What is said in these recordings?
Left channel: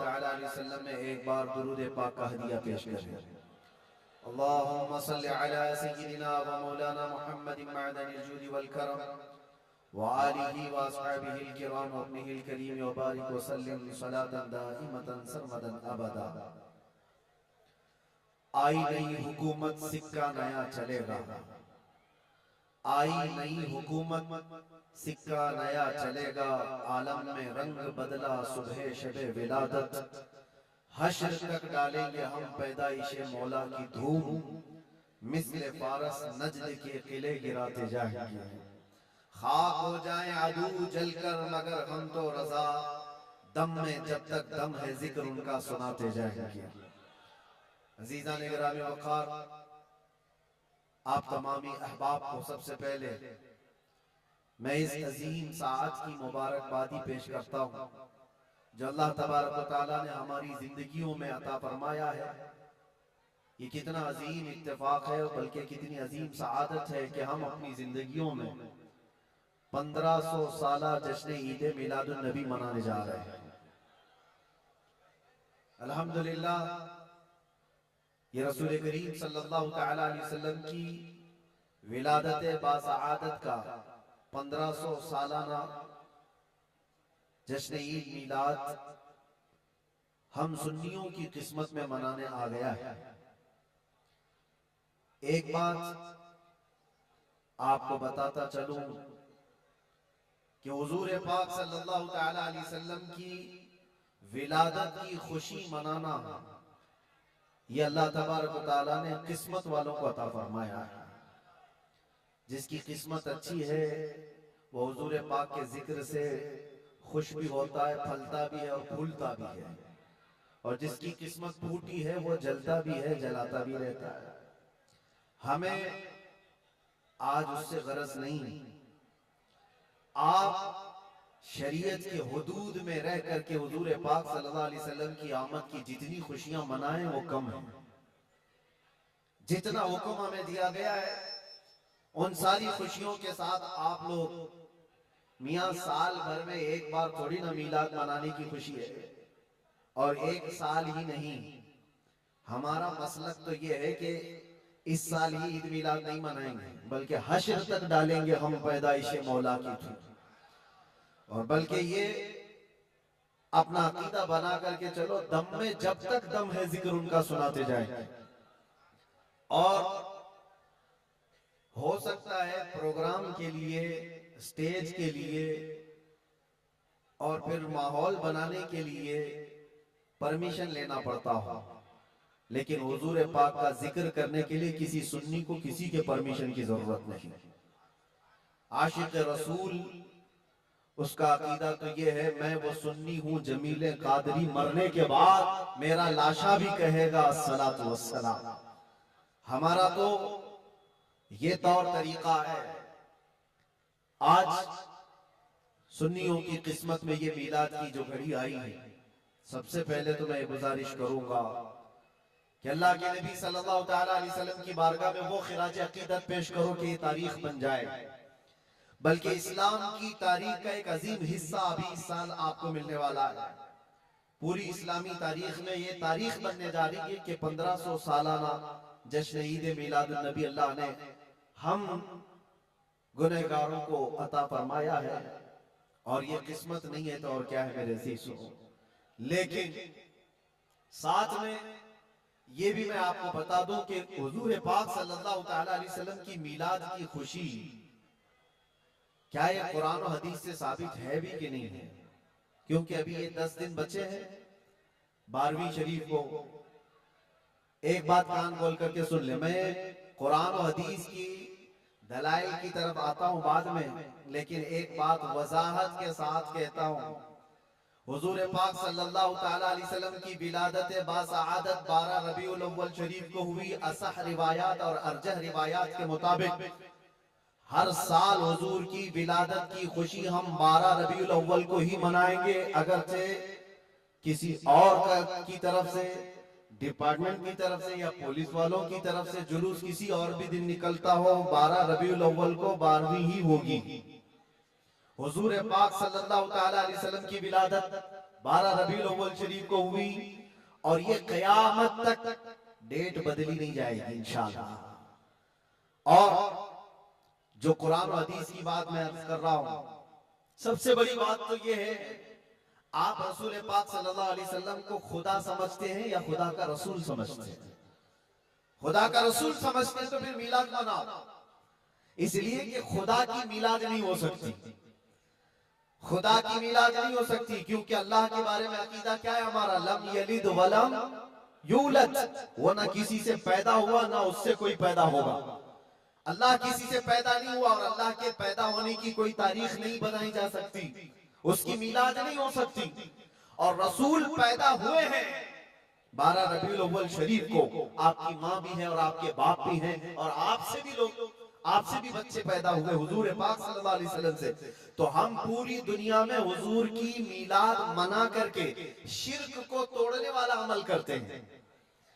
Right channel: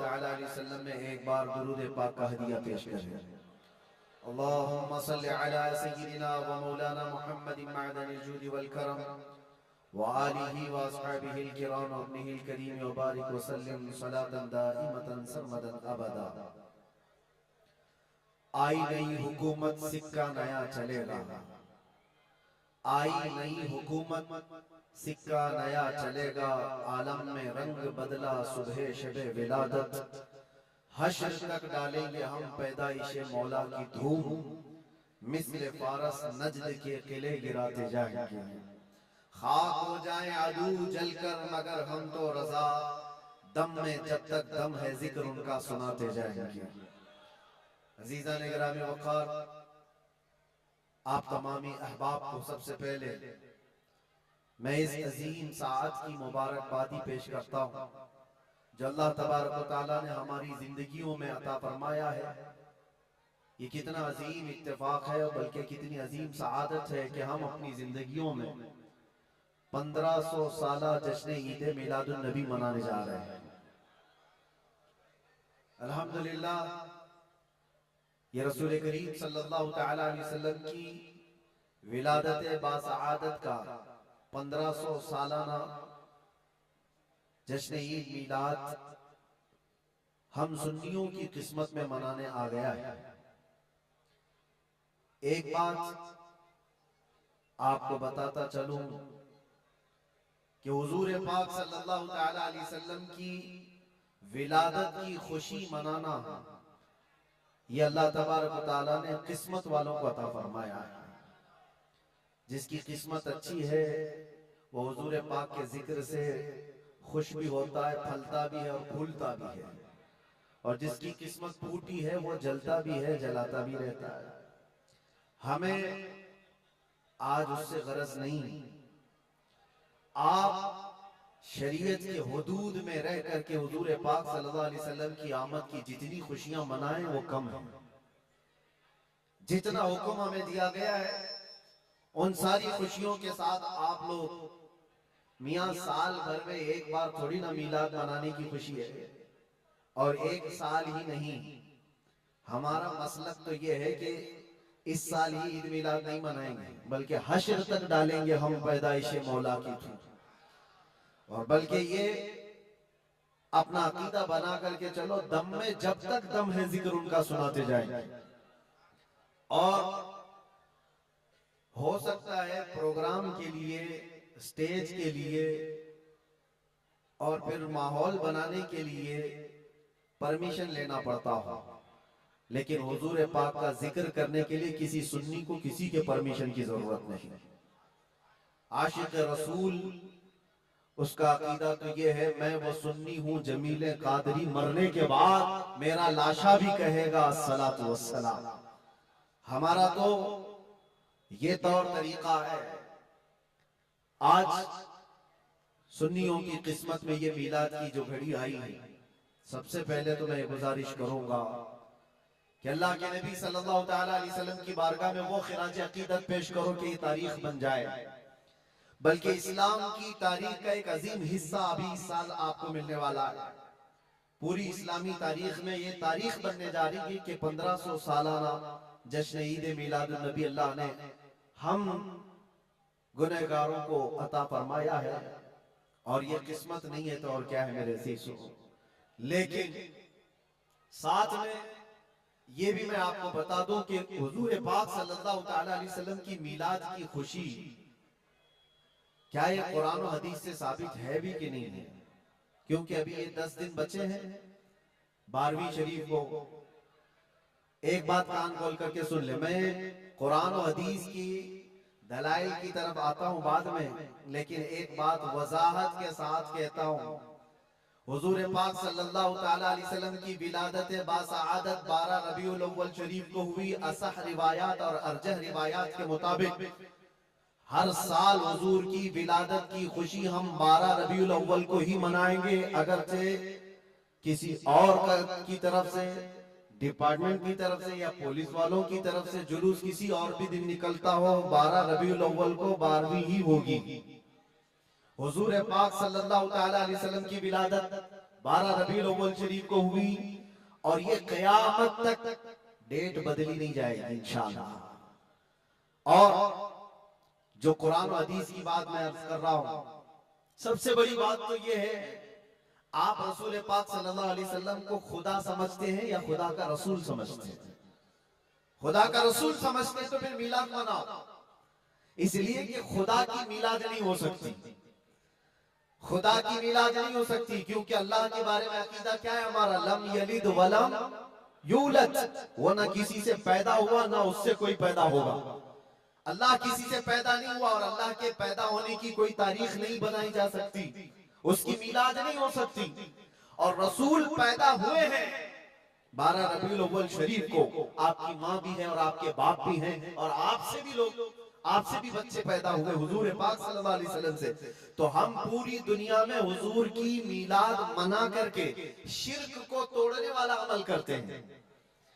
ताला अलैहि वसल्लम में एक बार दुरूद पाक का हदिया पेश करें। अल्लाहुम्मा सल्लि अला सय्यिदिना व मौलाना मुहम्मदिन मअदनिल जूदि वल करम व आलिहि व अस्हाबिहिल किराम व इब्निहिल करीम व बारिक व सल्लिम सलातन दाइमतन सरमदन अबदा। आई नई हुकूमत सिक्का नया चलेगा, आई नई हुकूमत सिक्का नया चलेगा। आलम में रंग बदला सुबह शबे विलादत, हश्र तक डालेंगे हम पैदाइशे मौला की धूम। मिस्ल फारस नजद के किले गिराते जाएंगे, खाक हो जाए आदू जलकर मगर हम तो रजा। दम में जब तक दम है जिक्र उनका सुनाते जाएंगे। अजीजा ने गिरामी वक़ार, आप तमामी अहबाब को सबसे पहले मैं इस अजीम साअत की मुबारकबादी पेश करता हूँ जो अल्लाह तबारक व तआला ने हमारी जिंदगियों में अता फरमाया है। ये कितना अजीम इत्तेफाक है और बल्कि कितनी अजीम सआदत है कि हम अपनी जिंदगियों में 1500 साला जश्न ईद मिलादुन नबी मनाने जा रहे हैं। अल्हम्दुलिल्लाह, ये रसूल करीम सल्लल्लाहु तआला अलैहि वसल्लम की विलादत बासआदत का 1500 सालाना जश्न ईद मिलाद हम सुन्नियों की किस्मत में मनाने आ गया है। एक बात आपको बताता चलूं कि हुजूर पाक सल्लल्लाहु तआला अलैहि वसल्लम की विलादत की खुशी मनाना ये अल्लाह तबारक व तआला ने किस्मत वालों को अता फरमाया है। जिसकी किस्मत अच्छी है वो हुजूर पाक के जिक्र से खुश भी होता है, फलता भी है और फूलता भी है। और जिसकी किस्मत फूटी है वो जलता भी है, जलाता भी रहता है। हमें आज उससे गरज नहीं। आप शरीयत के हुदूद में रह करके हुजूर पाक सल्लल्लाहु अलैहि वसल्लम की आमद की जितनी खुशियां मनाएं वो कम है। जितना हुक्म हमें दिया गया है उन सारी खुशियों के साथ आप लोग मियां साल भर में एक बार थोड़ी ना मीलाद मनाने की खुशी है। और एक साल ही नहीं, हमारा मसलक तो ये है कि इस साल ही ईद मिलाद नहीं मनाएंगे बल्कि हश्र तक डालेंगे हम पैदाइशे मौला की थी। और बल्कि ये अपना अकीदा बना करके चलो, दम में जब तक दम है जिक्र उनका सुनाते जाएंगे। और हो सकता है प्रोग्राम के लिए, स्टेज के लिए और फिर माहौल बनाने के लिए परमिशन लेना पड़ता हो, लेकिन हुजूर पाक का जिक्र करने के लिए किसी सुन्नी को किसी के परमिशन की जरूरत नहीं। आशिक रसूल उसका अकीदा तो ये है, मैं वो सुन्नी हूं जमीले कादरी, मरने के बाद मेरा लाशा भी कहेगा अस्सलातु वस्सलाम। हमारा तो ये तौर तरीका है। आज सुन्नियों की किस्मत में ये मीलाद की जो घड़ी आई है, सबसे पहले तो मैं गुजारिश करूंगा कि अल्लाह के नबी सल्लल्लाहु तआला अलैहि वसल्लम की बारगाह में वो खिराज अकीदत पेश करो कि ये तारीख बन जाए। बल्कि इस्लाम की तारीख का एक अजीम हिस्सा अभी इस साल आपको मिलने वाला है। पूरी इस्लामी तारीख में ये तारीख बनने जा रही है कि 1500 सालाना जश्न ईद मिलादुन नबी अल्लाह ने हम गुनहगारों को अता फरमाया है। और ये किस्मत नहीं है तो और क्या है मेरे अज़ीज़ों। लेकिन साथ में ये भी मैं आपको बता दूं कि हुजूर पाक सल्लल्लाहु तआला अलैहि वसल्लम की मिलाद की खुशी क्या ये कुरान और हदीस से साबित है भी कि नहीं है। क्योंकि अभी ये 10 दिन बचे हैं 12वीं शरीफ को। एक बात कान खोल करके सुन ले, मैं कुरान और हदीस की दलाइल की तरफ आता हूं बाद में, लेकिन एक बात वजाहत के साथ कहता हूं। हुजूर पाक सल्लल्लाहु तआला अलैहि वसल्लम की विलादत बासआदत 12 रबीउल अव्वल शरीफ को हुई। असह रिवायात और अरजह रिवायात के मुताबिक हर साल हुजूर की विलादत की खुशी हम 12 रबीउल अव्वल को ही मनाएंगे। अगरचे किसी और की तरफ से, डिपार्टमेंट की तरफ से या पुलिस वालों की तरफ से जुलूस किसी और भी दिन निकलता हो, 12 रबीउल अव्वल को 12वीं ही होगी। हुजूर पाक सल्लल्लाहु तआला अलैहि वसल्लम की विलादत 12 रबीउल अव्वल शरीफ को हुई और ये कयामत तक डेट बदली नहीं जाएगी इंशाअल्लाह। और जो कुरान और हदीस की बात मैं अर्ज कर रहा हूं, सबसे बड़ी बात तो ये है, आप रसूल पाक सल्लल्लाहु अलैहि वसल्लम को खुदा समझते हैं या खुदा का रसूल समझते हैं? खुदा का रसूल समझते हैं तो फिर मिलाद मनाओ, इसलिए कि खुदा की मिलाद नहीं हो सकती, खुदा की मिलाद नहीं हो सकती, क्योंकि अल्लाह के बारे में अकीदा क्या है हमारा? लम यलिद वलम यूलद, वो ना किसी से पैदा हुआ ना उससे कोई पैदा होगा। अल्लाह किसी से पैदा नहीं हुआ और अल्लाह के पैदा होने की कोई तारीख नहीं बनाई जा सकती, उसकी मिलाद नहीं हो सकती। और रसूल पैदा हुए हैं 12 रबीउल अव्वल शरीफ को, आपकी माँ भी है और आपके बाप भी हैं और आपसे भी लोग, आपसे भी बच्चे पैदा हुए हुजूर पाक सल्लल्लाहु अलैहि वसल्लम से। तो हम पूरी दुनिया में हुजूर की मिलाद मना करके शिर्क को तोड़ने वाला अमल करते हैं,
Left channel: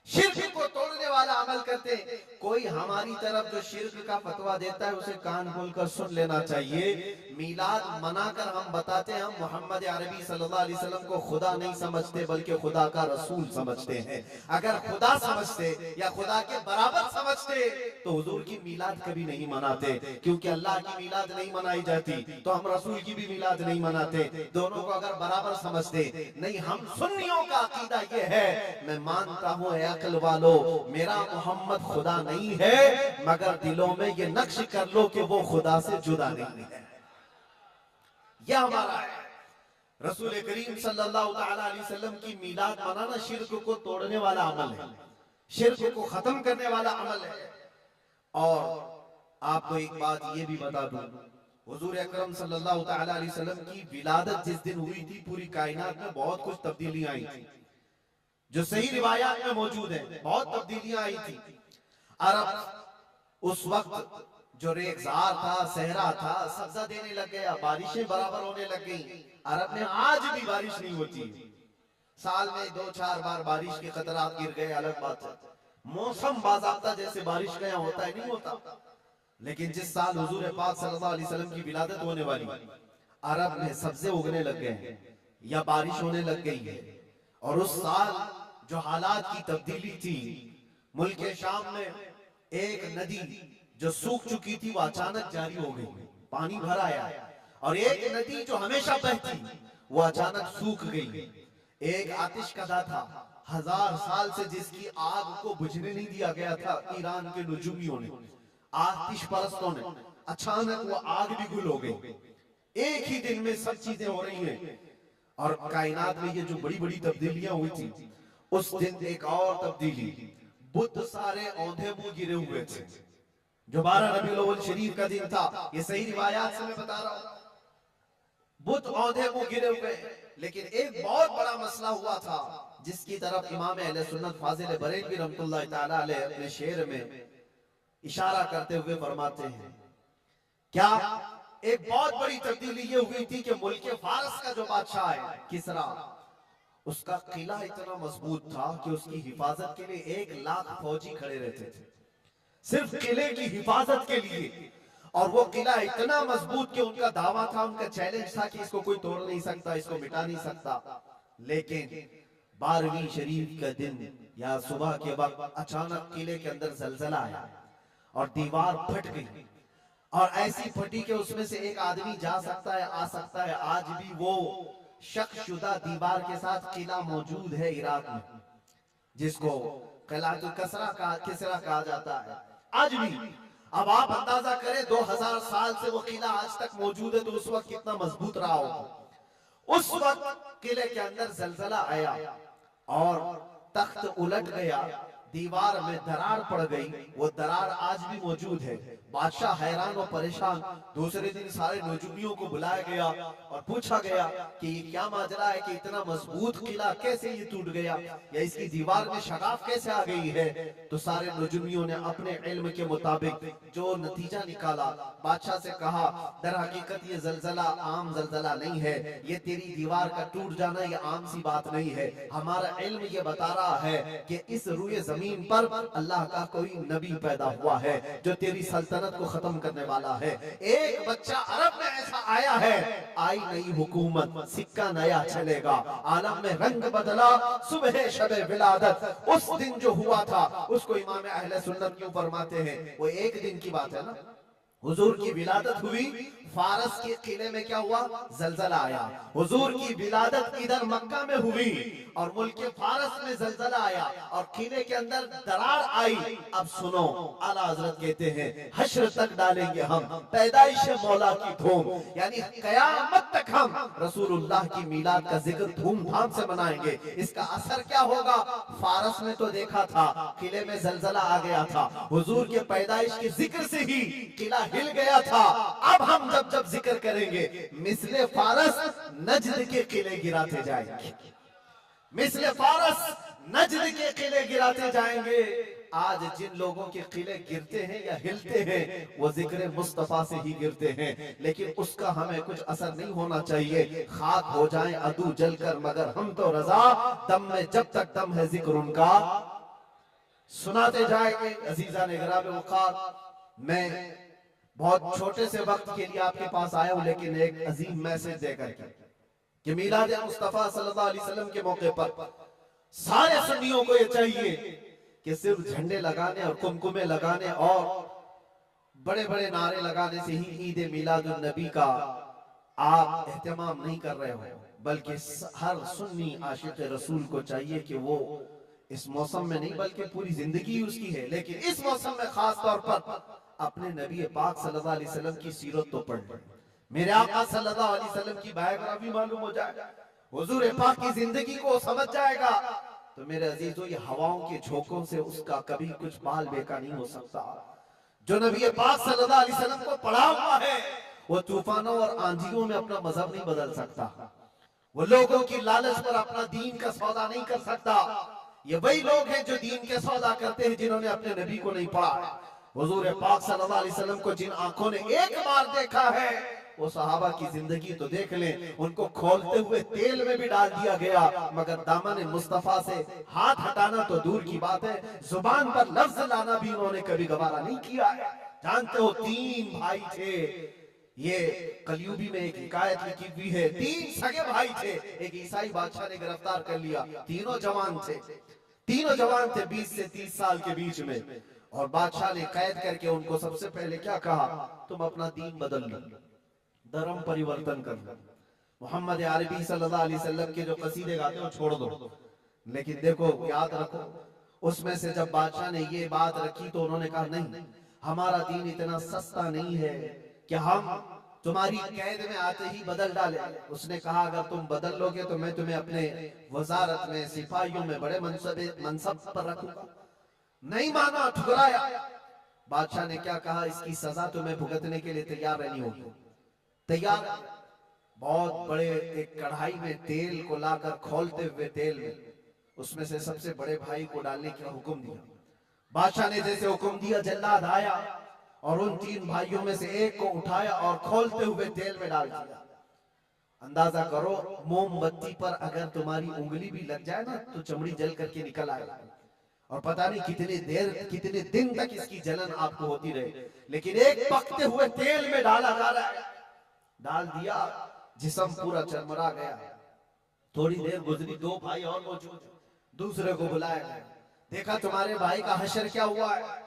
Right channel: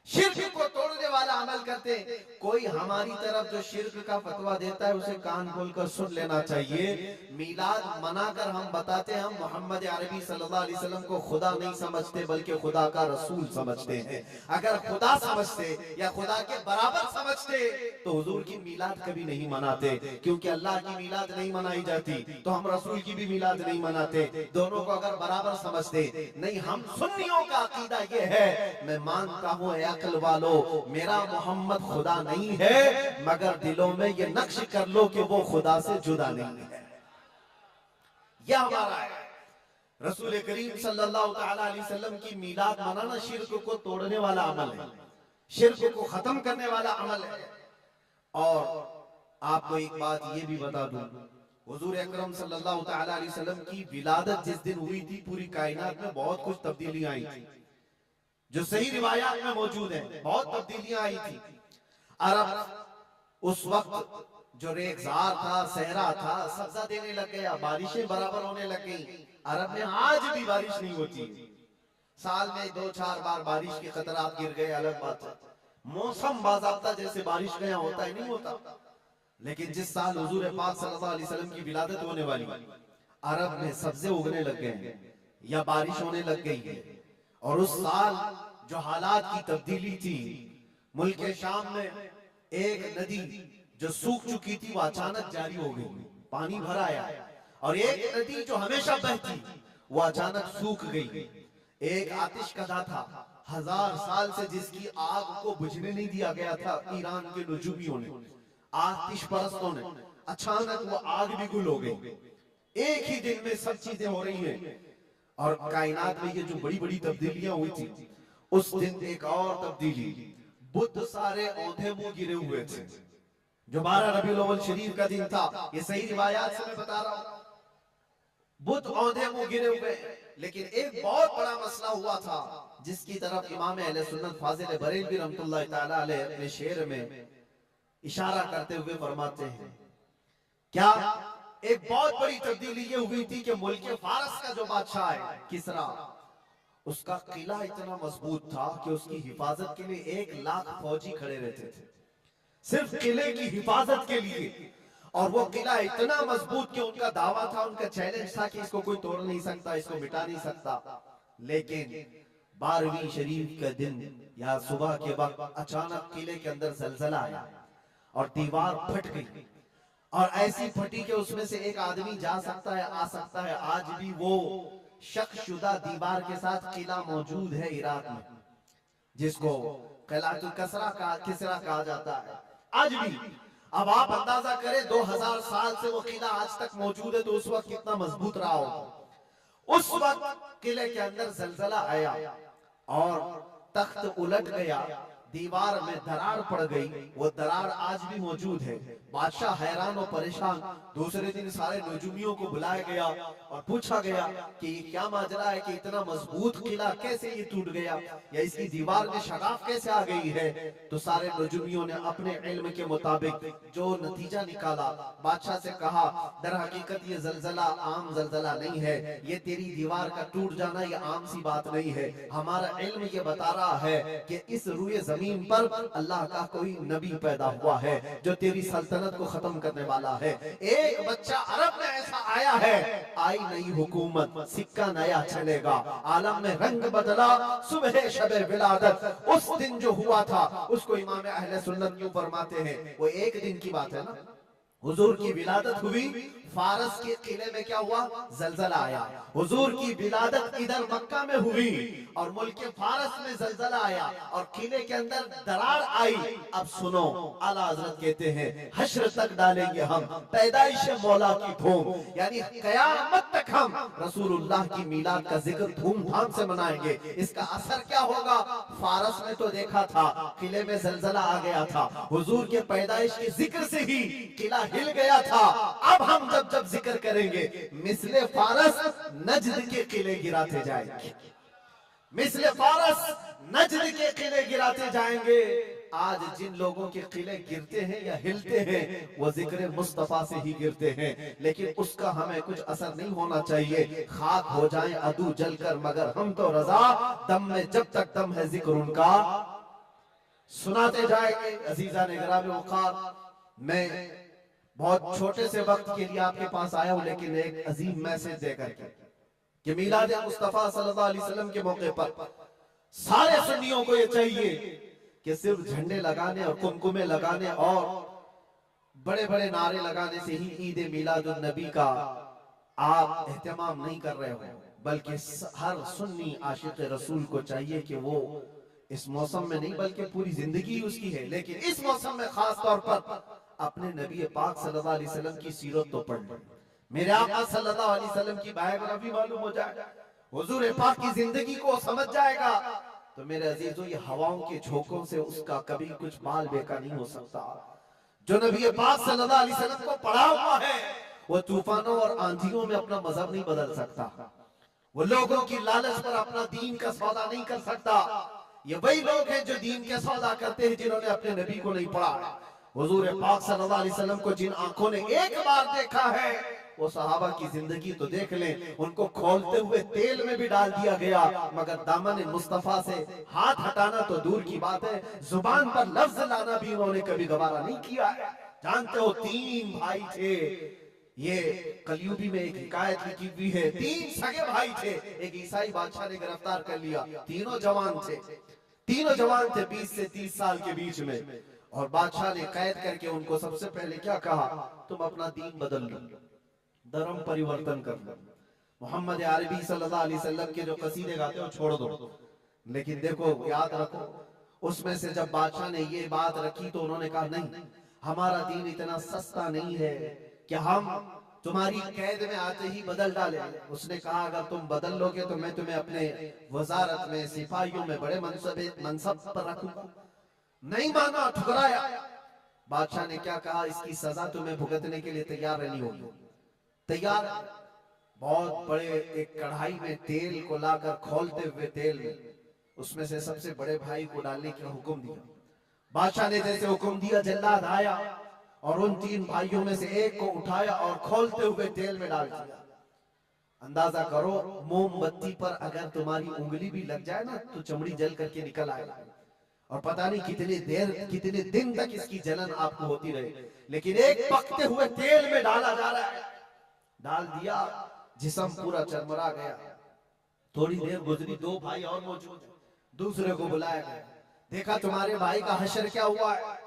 शिर्क को तोड़ने वाला अमल करते हैं। कोई हमारी तरफ जो शिर्क का फतवा देता है उसे कान खोलकर सुन लेना चाहिए। मिलाद मनाकर हम बताते हैं हम मोहम्मद अरबी सल्लल्लाहु अलैहि वसल्लम को खुदा नहीं समझते बल्कि खुदा का रसूल समझते हैं। अगर खुदा समझते या खुदा के बराबर समझते तो हुजूर की मिलाद कभी नहीं मनाते, क्योंकि अल्लाह की मिलाद नहीं मनाई जाती तो हम रसूल की भी मिलाद नहीं मनाते। दोनों को अगर बराबर समझते नहीं, हम सुन्नियों का अकीदा ये है, मैं मानता हूँ अक्ल वालो मेरा मोहम्मद खुदा नहीं है, मगर दिलों में ये नक्श कर लो कि वो खुदा से जुदा नहीं है। यह हमारा है। रसूल करीम सल्लल्लाहु ताला अलैहि वसल्लम की मिलाद मनाना शिर्क को तोड़ने वाला अमल है, शिर्क को खत्म करने वाला अमल है। और आपको एक बात ये भी बता दूं, हुजूर अकरम सल्लल्लाहु ताला अलैहि वसल्लम की विलादत जिस दिन हुई थी पूरी कायनात में बहुत कुछ तब्दीलियां आई थी, जो सही रिवायात में मौजूद है, बहुत तब्दीलियां आई थी। अरब उस वक्त जो रेगजार था, सहरा था, सब्जा देने लग गया, बारिशें बराबर होने लग गई। अरब में आज भी बारिश नहीं होती, साल में 2-4 बार बारिश के कतरात गिर गए, अलग बात है। मौसम बाज़ाब्ता जैसे बारिश का यहाँ होता है नहीं होता। लेकिन जिस साल हुजूर पाक सल्लल्लाहु अलैहि वसल्लम की विलादत होने वाली, अरब में सब्जे उगने लग गए हैं या बारिश होने लग गई है। और उस साल जो हालात की तब्दीली थी, मुल्क शाम में एक नदी जो सूख चुकी थी वो अचानक जारी हो गई, पानी भर आया। और एक नदी जो हमेशा बहती वो अचानक सूख गई। एक आतिशकदा था 1000 साल से जिसकी आग को बुझने नहीं दिया गया था ईरान के नुजूमियों ने, आतिश परस्तों ने, अचानक वो आग भी गुल हो गई। एक ही दिन में सब चीजें हो रही हैं। और कायनात में ये जो बड़ी बड़ी तब्दीलियां हुई थी, उस दिन एक और तब्दीली, बुत सारे औंधे मुंह गिरे हुए थे। जो 12 रबीउल अव्वल शरीफ का दिन था, ये सही रिवायात से मैं बता रहा हूं, बुत औंधे मुंह गिरे हुए। लेकिन एक बहुत बड़ा मसला हुआ था जिसकी तरफ इमाम अहले सुन्नत फाजिल बरेलवी रहमतुल्लाह ताला अलैह अपने शेर में इशारा करते हुए फरमाते हैं, क्या एक बहुत बड़ी तब्दीली ये हुई थी कि मुल्क फारस का जो बादशाह है किसरा, उसका किला इतना मजबूत था कि उसकी हिफाजत के लिए 1 लाख फौजी खड़े रहते थे, सिर्फ किले की हिफाजत के लिए। और वो किला इतना मजबूत कि उनका दावा था, उनका चैलेंज था कि इसको कोई तोड़ नहीं सकता, इसको मिटा नहीं सकता। लेकिन 12वीं शरीफ का दिन या सुबह के वक्त अचानक किले के अंदर जलजला आया और दीवार फट गई। और ऐसी फटी कि उसमें से एक आदमी जा सकता है, आ सकता है। आज भी वो शक्शुदा दीवार के साथ किला मौजूद है इराक में, जिसको किलातुल किसरा कहा जाता है आज भी। अब आप अंदाजा करें 2000 साल से वो किला आज तक मौजूद है, तो उस वक्त कितना मजबूत रहा होगा। उस वक्त किले के अंदर जलजला आया और तख्त उलट गया, दीवार में दरार पड़ गई। वो दरार आज भी मौजूद है। बादशाह हैरान और परेशान। दूसरे दिन सारे नजूमियों को बुलाया गया और पूछा गया कि ये क्या माजरा है कि इतना मजबूत किला कैसे ये टूट गया, या इसकी दीवार में शगाफ कैसे आ गई है। तो सारे नजूमियों ने अपने इल्म के मुताबिक जो नतीजा निकाला, बादशाह से कहा दर हकीकत ये जलजला आम जलजला नहीं है, ये तेरी दीवार का टूट जाना ये आम सी बात नहीं है। हमारा इल्म ये बता रहा है कि इस रूए जमीन पर अल्लाह का कोई नबी पैदा हुआ है जो तेरी सल्तनत को खत्म करने वाला है। एक बच्चा अरब में ऐसा आया है, आई नई हुकूमत, सिक्का नया चलेगा, आलम में रंग बदला, सुबह शबे विलादत। उस दिन जो हुआ था उसको इमाम अहले सुन्नत क्यों फरमाते हैं? वो एक दिन की बात है ना। हुजूर की विलादत हुई, फारस के किले में क्या हुआ? जलजला आया। हुजूर की विलादत इधर मक्का में हुई और मुल्क फारस में जलजला आया और किले के अंदर दरार आई। अब सुनो, आला हजरत कहते हैं हश्र तक डालेंगे हम पैदाइश मौला की धूम, यानी कयामत तक हम रसूलुल्लाह की मिलाद का जिक्र धूमधाम से मनाएंगे। इसका असर क्या होगा? फारस में तो देखा था, किले में जलजला आ गया था, हुजूर के पैदाइश के जिक्र से ही किला हिल गया था। अब हम जब जिक्र करेंगे मिसले फारस नजद के किले गिराते जाएंगे, मिसले फारस नजद के किले गिराते जाएंगे। आज जिन लोगों के किले गिरते हैं या हिलते हैं वो जिक्र मुस्तफा से ही गिरते हैं, लेकिन उसका हमें कुछ असर नहीं होना चाहिए। खाक हो जाएं अदू जलकर मगर हम तो रजा, दम में जब तक दम है जिक्र उनका सुनाते जाएंगे। अजीजा ने गिराम वक़ार, मैं बहुत छोटे से वक्त के लिए आपके पास आया हूं, लेकिन एक अजीम मैसेज देकर के कि मिलाद मुस्तफा सल्लल्लाहु अलैहि वसल्लम के मौके पर सारे सुन्नियों को ये चाहिए कि सिर्फ झंडे लगाने और कुमकुमे लगाने और बड़े बड़े नारे लगाने से ही ईद मिलादुन नबी का आप एहतमाम नहीं कर रहे हो, बल्कि हर सुन्नी आशिक रसूल को चाहिए कि वो इस मौसम में नहीं बल्कि पूरी जिंदगी उसकी है, लेकिन इस मौसम में खास तौर पर अपने नबी पाक सल्लल्लाहु अलैहि वसल्लम की सीरत तो पढ़ ले, मेरे आका सल्लल्लाहु अलैहि वसल्लम की बायोग्राफी मालूम हो जाए, हुजूर पाक की जिंदगी को समझ जाएगा। तो मेरे अजीजों, ये हवाओं के झोंकों से उसका कभी कुछ बाल बेका नहीं हो सकता। जो नबी पाक सल्लल्लाहु अलैहि वसल्लम को पढ़ा हुआ है वो तूफानों और आंधियों में अपना मजहब नहीं बदल सकता, वो लोगों की लालच पर अपना दीन का सौदा नहीं कर सकता। ये वही लोग हैं जो दीन के सौदा करते हैं जिन्होंने अपने नबी को नहीं पढ़ा है। हुजूर पाक सल्लल्लाहु अलैहि वसल्लम को जिन आंखों ने एक बार देखा है वो सहाबा की जिंदगी तो देख लें, उनको खोलते हुए तेल में भी डाल दिया गया, मगर दामन मुस्तफा से हाथ हटाना तो दूर की बात है, जुबान पर लफ्ज लाना भी उन्होंने कभी गवारा नहीं किया। जानते हो, 3 भाई थे, ये कलयुगी में एक हिकायत लिखी हुई है, 3 सगे भाई थे, एक ईसाई बादशाह ने गिरफ्तार कर लिया, तीनों जवान थे, 20 से 30 साल के बीच में, और बादशाह ने कैद करके उनको सबसे पहले क्या कहा, तुम अपना दीन बदल लो, धर्म परिवर्तन कर लो, मोहम्मद अरबी सल्लल्लाहु अलैहि वसल्लम के जो कसीदे गाते हो छोड़ दो। लेकिन देखो, याद रखो, उसमें से जब बादशाह ने ये बात रखी तो उन्होंने कहा नहीं, हमारा दीन इतना सस्ता नहीं है कि हम तुम्हारी कैद में आते ही बदल डाले। उसने कहा अगर तुम बदल लोगे तो मैं तुम्हें अपने वजारत में, सिपाहियों में बड़े मनसब पर रखूंगा। नहीं माना, ठुकराया। बादशाह ने क्या कहा, इसकी सजा तुम्हें भुगतने के लिए तैयार रहनी होगी। तैयार। बहुत बड़े एक कढ़ाई में तेल को लाकर खोलते हुए तेल में उसमें से सबसे बड़े भाई को डालने का हुक्म दिया। बादशाह ने जैसे हुक्म दिया, जल्लाद आया और उन 3 भाइयों में से एक को उठाया और खोलते हुए तेल में डाल दिया। अंदाजा करो, मोमबत्ती पर अगर तुम्हारी उंगली भी लग जाए ना तो चमड़ी जल करके निकल आएगा, और पता नहीं कितनी देर, कितने दिन तक इसकी जलन आपको होती रहे। लेकिन एक पकते हुए तेल में डाला जा रहा है, डाल दिया, जिस्म पूरा चरमरा गया। थोड़ी देर गुजरी, 2 भाई और मौजूद, दूसरे को बुलाया गया, देखा तुम्हारे भाई का हशर क्या हुआ है,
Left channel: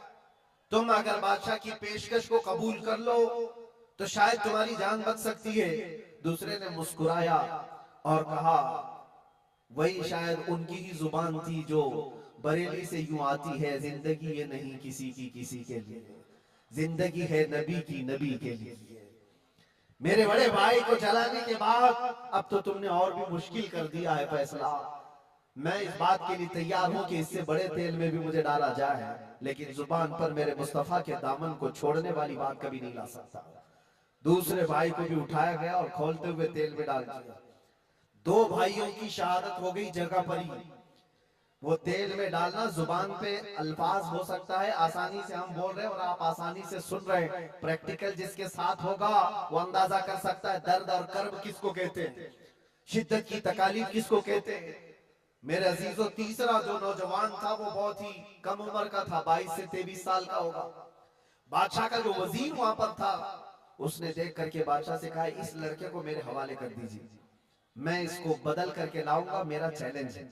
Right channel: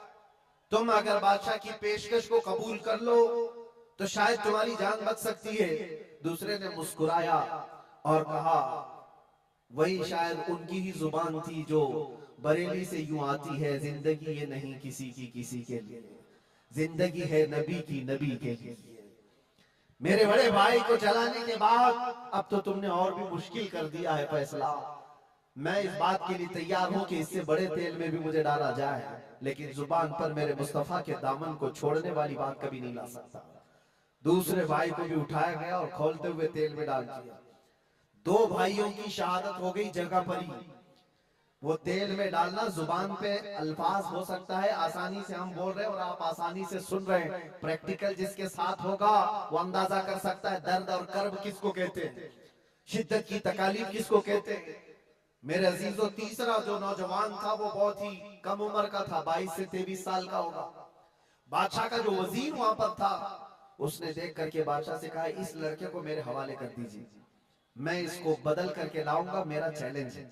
तुम अगर बादशाह की पेशकश को कबूल कर लो तो शायद तुम्हारी जान बच सकती है। दूसरे ने मुस्कुराया और कहा, वही शायद उनकी ही जुबान थी जो बरेली से यूं आती है, जिंदगी ये नहीं किसी की किसी के लिए, जिंदगी है नबी की नबी के लिए। मेरे बड़े भाई को जलाने के बाद अब तो तुमने और भी मुश्किल कर दिया है फैसला। मैं इस बात के लिए तैयार हूं कि इससे बड़े तेल में भी मुझे डाला जाए, लेकिन जुबान पर मेरे मुस्तफा के दामन को छोड़ने वाली बात कभी नहीं ला सकता। दूसरे भाई को भी उठाया गया और खोलते हुए तेल में डाल दिया। 2 भाइयों की शहादत हो गई जगह पर ही। वो तेल में डालना जुबान पे अल्फाज हो सकता है, आसानी से हम बोल रहे हैं और आप आसानी से सुन रहे हैं, प्रैक्टिकल जिसके साथ होगा वो अंदाजा कर सकता है दर्द और कर्ब किसको कहते हैं, शिद्दत की तकालीफ किसको कहते हैं। मेरे अजीजों, तीसरा जो नौजवान था वो बहुत ही कम उम्र का था, 22 से 23 साल का होगा। बादशाह का जो वजीर वहां पर था, उसने देख करके बादशाह से कहा, इस लड़के को मेरे हवाले कर दीजिए, मैं इसको बदल करके लाऊंगा, मेरा चैलेंज है।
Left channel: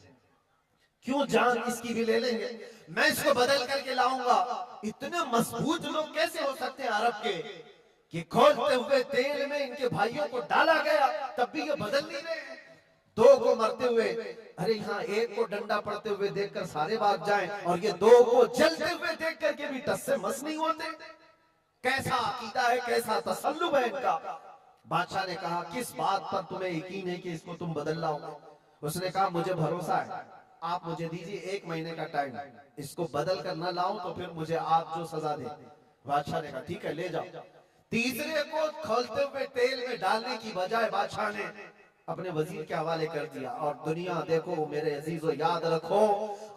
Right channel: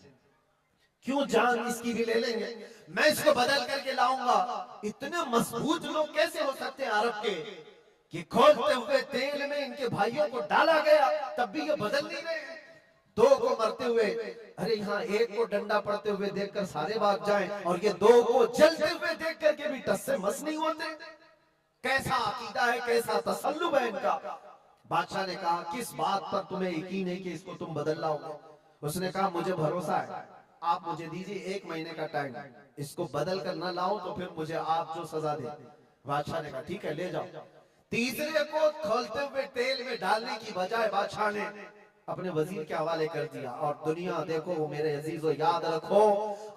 क्यों, जान इसकी भी ले लेंगे, मैं इसको बदल करके लाऊंगा। इतने मजबूत लोग कैसे हो सकते हैं अरब के कि खोलते हुए तेल में इनके भाइयों को डाला गया, तब भी ये बदल नहीं रहे। दो को मरते हुए, अरे यहाँ एक को डंडा पड़ते हुए देखकर सारे भाग जाएं, और ये दो को जलते हुए देख करके भी टस से मस नहीं होते। कैसा अकीदा है, कैसा तसल्लुब है इनका। बादशाह ने कहा, किस बात पर तुम्हें यकीन है कि इसको तुम बदल लाओगे? उसने कहा, मुझे भरोसा है, आप मुझे दीजिए 1 महीने का टाइम, इसको बदल कर न लाऊं तो फिर मुझे आप जो सजा दे। बादशाह ने कहा, ठीक है, ले जाओ। तीसरे को खोलते हुए तेल में डालने की बजाय बादशाह ने अपने वजीर के हवाले कर दिया। और दुनिया देखो मेरे अजीजों, याद रखो,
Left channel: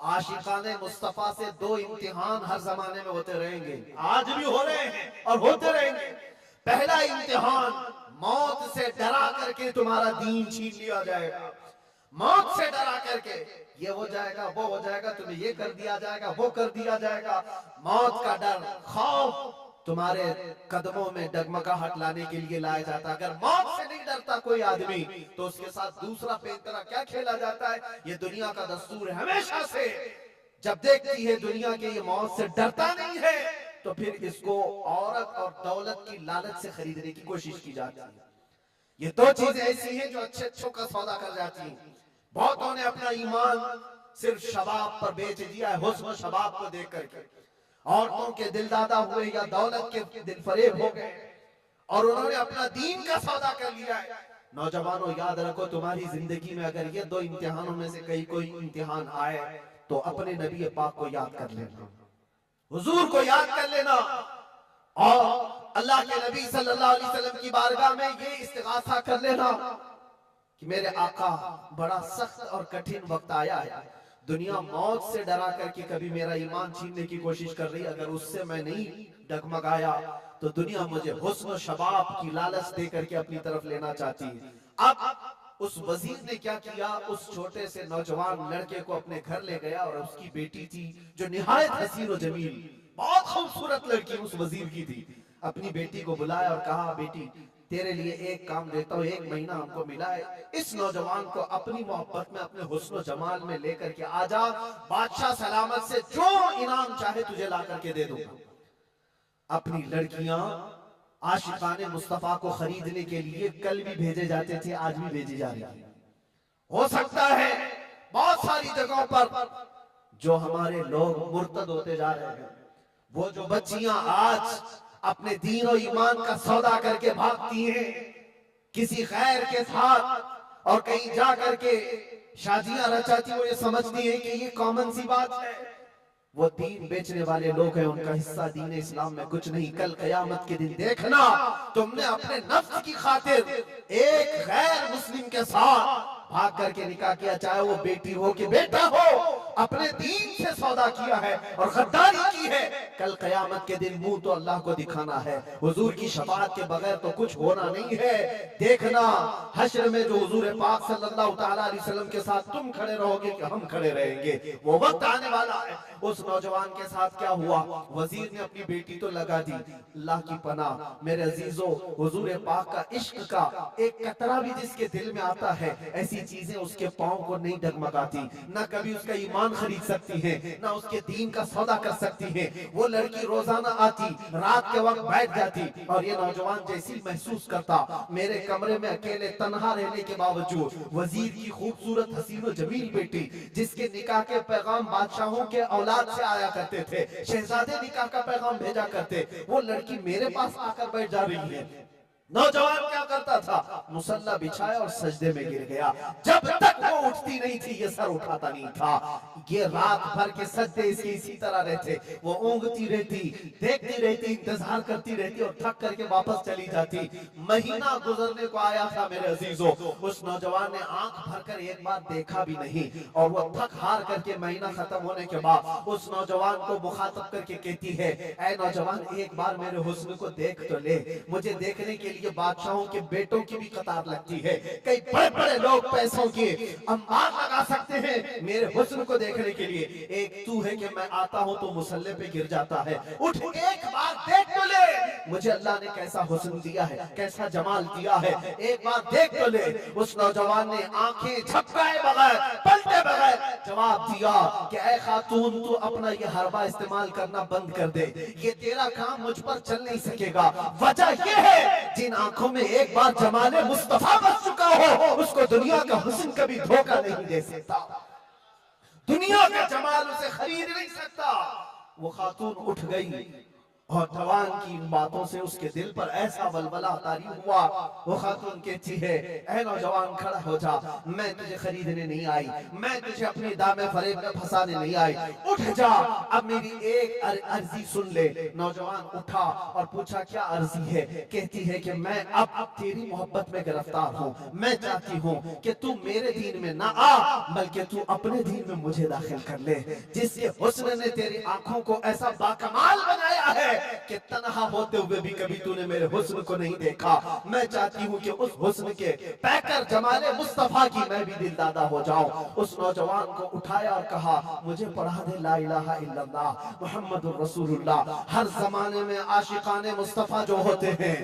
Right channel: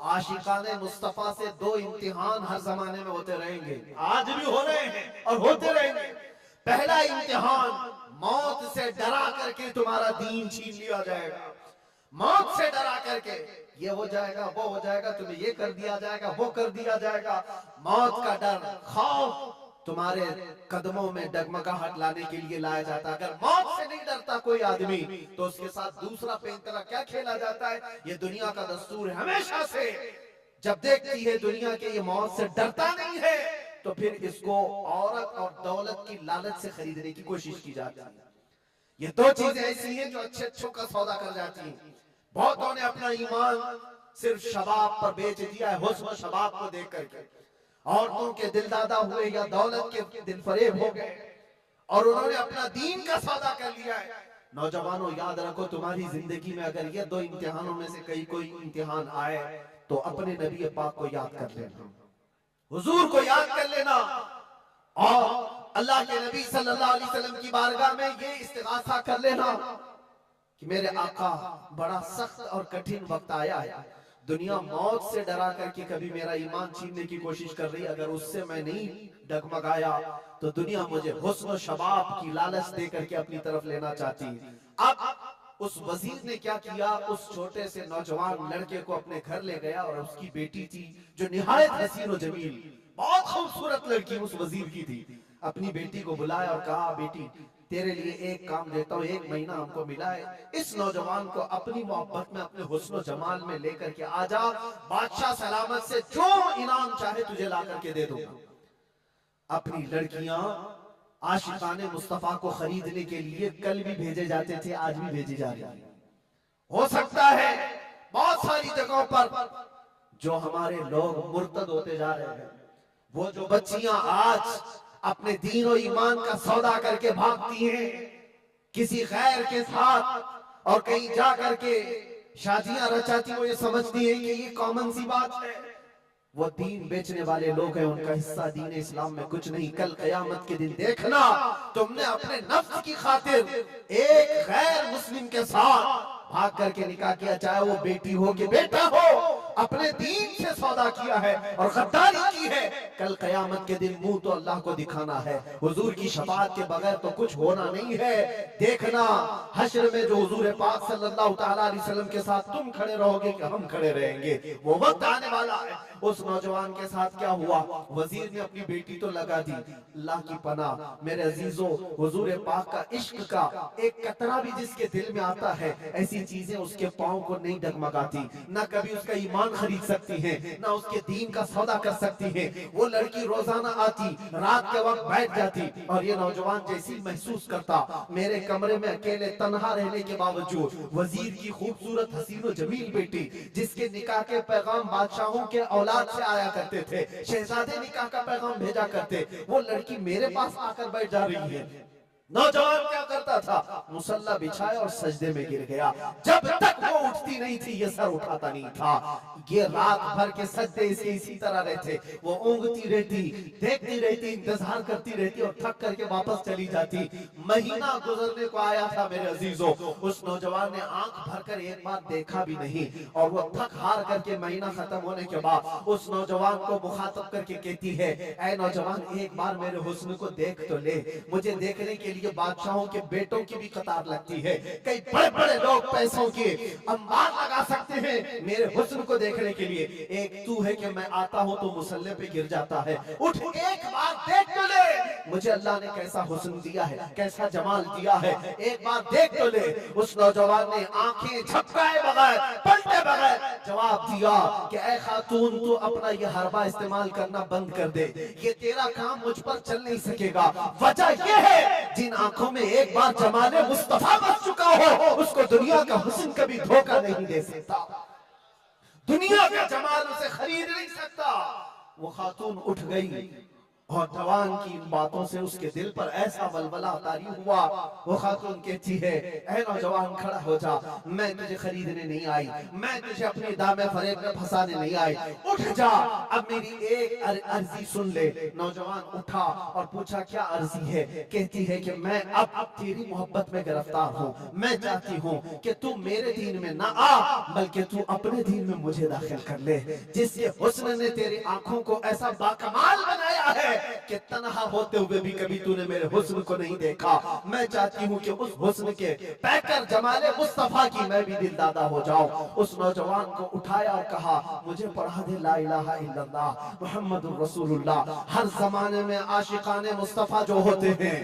आशिकाने मुस्तफा से 2 इम्तिहान हर जमाने में होते रहेंगे, आज भी हो रहे हैं और होते रहेंगे। पहला इम्तिहान, मौत से डरा करके तुम्हारा दीन छीन लिया जाएगा। मौत से डरा करके ये हो जाएगा, वो हो जाएगा, तुम्हें ये कर दिया जाएगा, वो कर दिया जाएगा। मौत का डर, खौफ तुम्हारे कदमों में डगमगाहट लाने के लिए लाया जाता है। अगर मौत से नहीं डरता कोई आदमी, तो उसके साथ दूसरा पेंतरा क्या खेला जाता है? ये दुनिया का दस्तूर है हमेशा से। जब देखती है दुनिया के ये मौत से डरता नहीं है, तो फिर इसको औरत और दौलत की लालच से खरीदने की कोशिश की जाती है। ये 2 चीजें ऐसी हैं जो अच्छे अच्छों का सौदा कर जाती हैं। बहुतों ने अपना ईमान सिर्फ शबाब पर बेच दिया है, हुस्न शबाब को देख करके। औरतों के दिल दादा हुए या दौलत के दिल फरेब हो गए, और उन्होंने अपना दीन का सौदा कर लिया है। नौजवानों, याद रखो, तुम्हारी जिंदगी में अगर ये 2 इम्तिहानों में से कोई इम्तिहान आए, तो अपने नबी पाक को याद कर लेना, हुजूर को याद कर लेना, और अल्लाह के नबी सल्लल्लाहु अलैहि वसल्लम की बारगाह में ये इस्तिगासा कर लेना कि मेरे आका, बड़ा सख्त और कठिन वक्त आया है। दुनिया मौत से डरा करके कभी मेरा ईमान छीनने की कोशिश कर रही, अगर उससे मैं नहीं डगमगाया, तो दुनिया मुझे हुस्न शबाब की लालच दे करके अपनी तरफ लेना चाहती है। अब उस वजीर ने क्या किया, उस छोटे से नौजवान लड़के को अपने घर ले गया, और उसकी बेटी थी जो निहायत हसीन और जमील, बहुत खूबसूरत लड़की उस वजीर की थी। अपनी बेटी को बुलाया और कहा, बेटी, तेरे लिए एक काम देता हूँ, 1 महीना हमको मिला है, इस नौजवान को अपनी मोहब्बत में, अपने हुस्न जमाल में लेकर के आजा, बादशाह सलामत से जो इनाम चाहे तुझे ला करके दे दूंगा। अपनी लड़कियां आशिकाने मुस्तफा को खरीदने के लिए कल भी भेजे जाते थे, आज भी भेजी जा रही है। हो सकता है बहुत सारी जगहों पर जो हमारे लोग मुर्तद होते जा रहे हैं, वो जो बच्चियां आज अपने दीन और ईमान का सौदा करके भागती हैं किसी गैर के साथ, और कहीं जा करके शादियां रचाती, वो ये समझती है कि ये कॉमन सी बात है। वो दीन बेचने वाले लोग हैं, उनका हिस्सा दीन इस्लाम में कुछ नहीं। कल कयामत के दिन देखना, तुमने अपने नफ्स की खातिर एक गैर मुस्लिम के साथ भाग करके निकाह किया, चाहे वो बेटी हो कि बेटा हो, अपने दीन से सौदा किया है और गद्दारी की है। कल कयामत के दिन मुंह तो अल्लाह को दिखाना है, हुजूर की शफाअत के बगैर तो कुछ होना नहीं है। देखना हश्र में जो हुजूर पाक सल्लल्लाहु ताला अलैहि वसल्लम के साथ तुम खड़े रहोगे कि हम खड़े रहेंगे, वो वक्त आने वाला है। उस नौजवान के साथ क्या हुआ, वजीर ने अपनी बेटी तो लगा दी, अल्लाह की पनाह मेरे अजीजों, हुजूर पाक का इश्क का एक कतरा भी जिसके दिल में आता है, ऐसी चीजें उसके पांव को नहीं डगमगाती, ना कभी उसका ईमान खरीद सकती हैं, ना उसके दीन का सौदा कर सकती हैं। वो लड़की रोजाना आती, रात के वक्त बैठ जाती, और ये नौजवान जैसी महसूस करता, मेरे कमरे में अकेले तन्हा रहने के बावजूद वजीर की खूबसूरत हसीन और जमील बेटी, जिसके निकाह के पैगाम बादशाहों के औलाद से आया करते थे, शहजादे निकाह का पैगाम भेजा करते, वो लड़की मेरे पास आकर बैठ जा रही है। नौजवान क्या करता था, मुसल्ला बिछाया और सजदे में गिर गया। जब तक वो उठती नहीं थी, ये सर उठाता नहीं था। ये रात भर के सजदे इसके इसी तरह रहते, वो ऊँगती रहती, देखती रहती, इंतजार करती रहती, और थक करके वापस चली जाती। महीना गुजरने को आया था मेरे अजीजों, उस नौजवान ने आंख भरकर एक बार देखा भी नहीं, और वो थक हार करके महीना खत्म होने के बाद उस नौजवान को मुखातब करके कहती है, ऐ नौजवान, एक बार मेरे हुस्न को देख तो ले, मुझे देखने के लिए बादशाहों के बेटों की भी कतार लगती है। कई बड़े बड़े लोग पैसों के अंबार लगा सकते हैं मेरे हुस्न को देखने के लिए। एक तू है कि मैं आता हूं तो मुसल्ले पे गिर जाता है। उठ एक बार देख तो ले मुझे अल्लाह ने कैसा हुस्न दिया है, कैसा जमाल दिया है, एक बार देख तो ले। उस नौजवान ने आंखें झपकाए बगैर, पलटे बगैर जवाब दिया कि ऐ खातून, तू अपना ये हरबा इस्तेमाल करना बंद कर दे, ये तेरा काम मुझ पर चल नहीं सकेगा। वजह ये है, जिन आंखों में एक बार जमाले मुस्तफा बस चुका हो उसको दुनिया का हुस्न कभी धोखा नहीं दे सकता, दुनिया का जमाल उसे खरीद नहीं सकता। वो खातून उठ गई और जवान की इन बातों से उसके दिल पर ऐसा वलवला तारी हुआ। वो खातून कहती है, ऐ नौजवान खड़ा हो जा, मैं तुझे खरीदने नहीं आई, मैं तुझे अपनी दामे फरेब में फंसाने नहीं आई, उठ जा, अब मेरी एक अर्जी सुन ले। नौजवान उठा और पूछा क्या अर्जी है? कहती है कि मैं अब तेरी मोहब्बत में गिरफ्तार हूँ, मैं चाहती हूँ कि तू मेरे दीन में ना आ बल्कि तू अपने दीन में मुझे दाखिल कर ले। जिसके हुस्न ने तेरी आंखों को ऐसा बाकमाल बनाया है कि तन्हा होते हुए भी कभी तूने मेरे हुस्न को नहीं देखा। मैं चाहती हूँ कि उस हुस्न के पैकर जमाले मुस्तफा की मैं भी दिलदादा हो जाऊं। उस नौजवान को उठाया और कहा, मुझे पढ़ा दे ला इलाहा इल्लल्लाह मुहम्मदुर रसूलुल्लाह। हर जमाने में आशिकाने मुस्तफा जो होते हैं,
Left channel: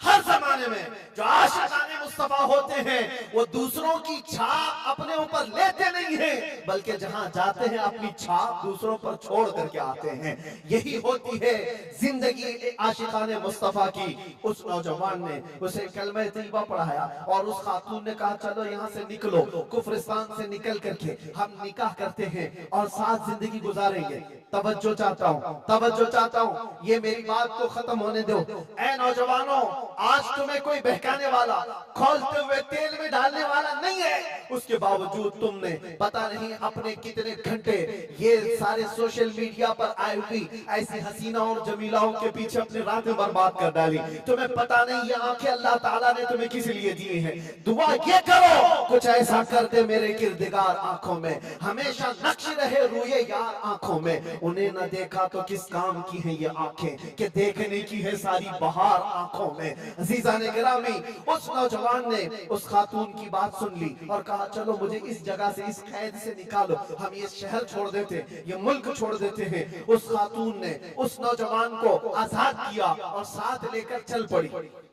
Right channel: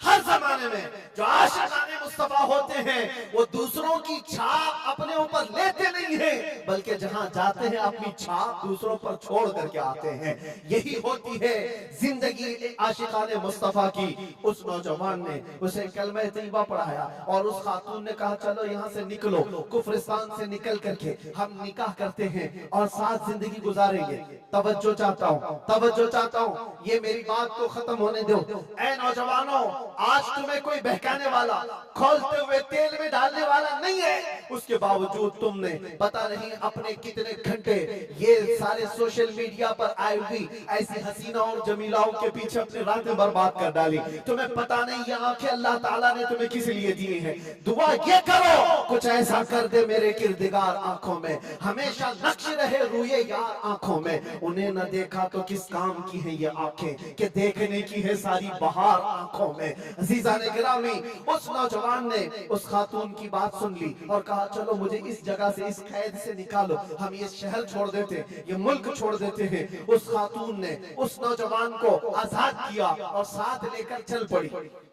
हर जमाने में जो आशिकाने मुस्तफा होते हैं, वो दूसरों की छाप अपने ऊपर लेते नहीं हैं बल्कि जहां जाते हैं अपनी छाप दूसरों पर छोड़ करके आते हैं। यही होती है जिंदगी आशिकाने मुस्तफा की। उस नौजवान ने उसे कलमा तैयबा पढ़ाया और उस खातून ने कहा, चलो यहाँ से निकलो, कुफ्रिस्तान से निकल करके हम निकाह करते हैं और साथ जिंदगी गुजारेंगे। तवज्जो चाहता हूँ, तवज्जो चाहता हूँ, ये मेरी बात को खत्म होने दो। ऐ नौजवानों, आज तुम्हें कोई बहकाने वाला, खोलते हुए तेल में डालने वाला नहीं है, उसके बावजूद तुमने पता नहीं अपने कितने घंटे ये सारे सोशल मीडिया पर आई हुई ऐसी हसीनाओं और जमीलाओं के पीछे अपनी रातें बर्बाद कर डाली। तुम्हें पता नहीं ये आंखें अल्लाह ताला ने तुम्हें किस लिए दी हैं। दुआ ये करो कुछ ऐसा कर दे मेरे किरदिगार आंखों में, हमेशा नक्श रहे रूए यार आंखों में। उन्हें न देखा तो किस काम की है ये आंखें कि देखने की है सारी बहार आंखों में। अजीजा ने गिरामी, उस नौजवान ने उस खातून की बात सुन ली और कहा, चलो मुझे इस जगह से, इस कैद से निकालो, हम ये शहर छोड़ देते, ये मुल्क छोड़ देते हैं। उस खातून ने उस नौजवान को आजाद किया और साथ लेकर चल पड़ी।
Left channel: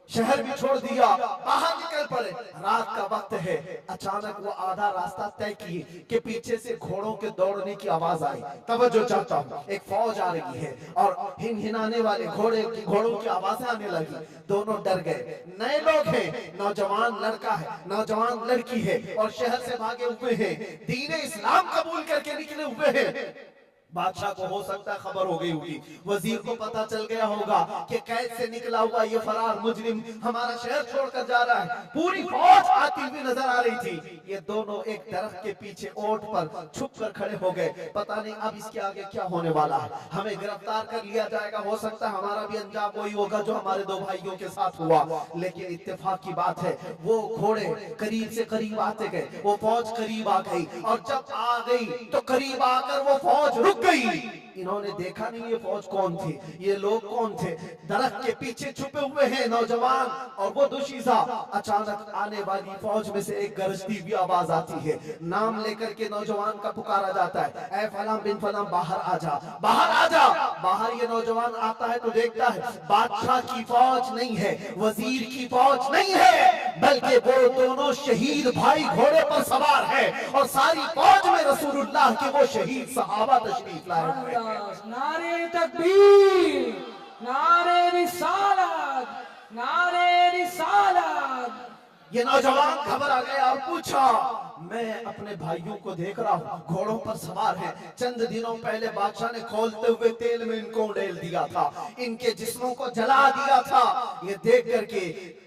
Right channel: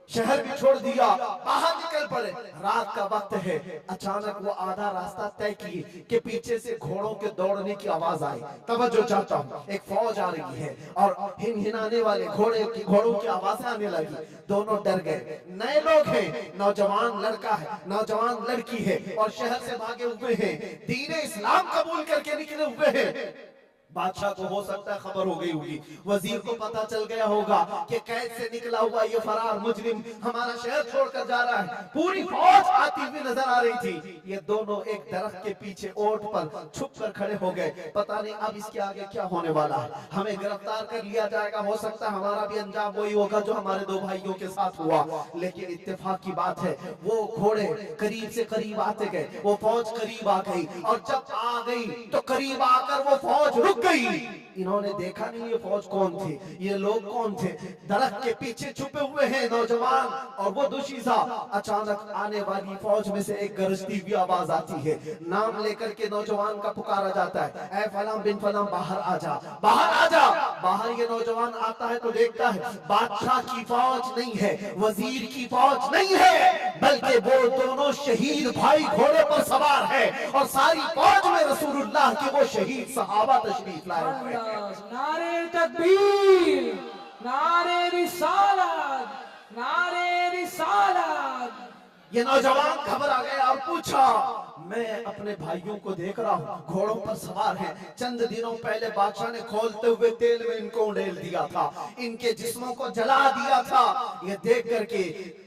शहर भी छोड़ दिया, बाहर निकल पड़े। रात का वक्त है, अचानक वो आधा रास्ता तय किए कि पीछे से घोड़ों के दौड़ने की आवाज आई। तवज्जो चाहता हूँ, एक फौज आ रही है और हिनहिनाने वाले घोड़ों की आवाजें आने लगी। दोनों डर गए। नए लोग हैं, नौजवान लड़का है, नौजवान लड़की है और शहर से भागे हुए हैं, दीन इस्लाम कबूल करके निकले हुए हैं। बादशाह को हो सकता है खबर हो गई होगी, वजीर को पता चल गया होगा कि कैद से निकला हुआ ये फरार मुजरिम हमारा शहर छोड़कर जा रहा है। पूरी फौज आती हुई नजर आ रही थी। ये दोनों एक दरख्त के पीछे ओट पर छुप कर खड़े हो गए। पता नहीं अब इसके आगे क्या होने वाला है, हमें गिरफ्तार कर लिया जाएगा, हो सकता है हमारा भी अंजाम वही होगा जो हमारे दो भाइयों के साथ हुआ। लेकिन इत्तेफाक की बात है, वो घोड़े करीब से करीब आते गए, वो फौज करीब आ गई और जब आ गई तो करीब आकर वो फौज रुक गई। इन्होंने देखा नहीं ये फौज कौन थी, ये लोग कौन थे। दरख्त के पीछे छुपे हुए हैं नौजवान और वो दोशीजा। अचानक आने वाली फौज में से एक गरजती हुई आवाज आती है। नाम लेकर के नौजवान का पुकारा जाता है, ऐ फलां बिन फलां बाहर आ जा, बाहर आ जा। बाहर ये नौजवान आता है तो देखता है बादशाह की फौज नहीं है, वजीर की फौज नहीं है, बल्कि वो दोनों शहीद भाई घोड़े पर सवार है और सारी फौज में रसूलुल्लाह के वो शहीद सहाबा तशरीफ लाए हुए हैं। नारे तकबीर, नारे रिसालत, नारे रिसालत। ये नौजवान घबरा गया और पूछा, मैं अपने भाइयों को देख रहा हूँ घोड़ों पर सवार हैं। चंद दिनों पहले बादशाह ने खोलते हुए तेल में इनको उड़ेल दिया था, इनके जिस्मों को जला दिया था। ये देख करके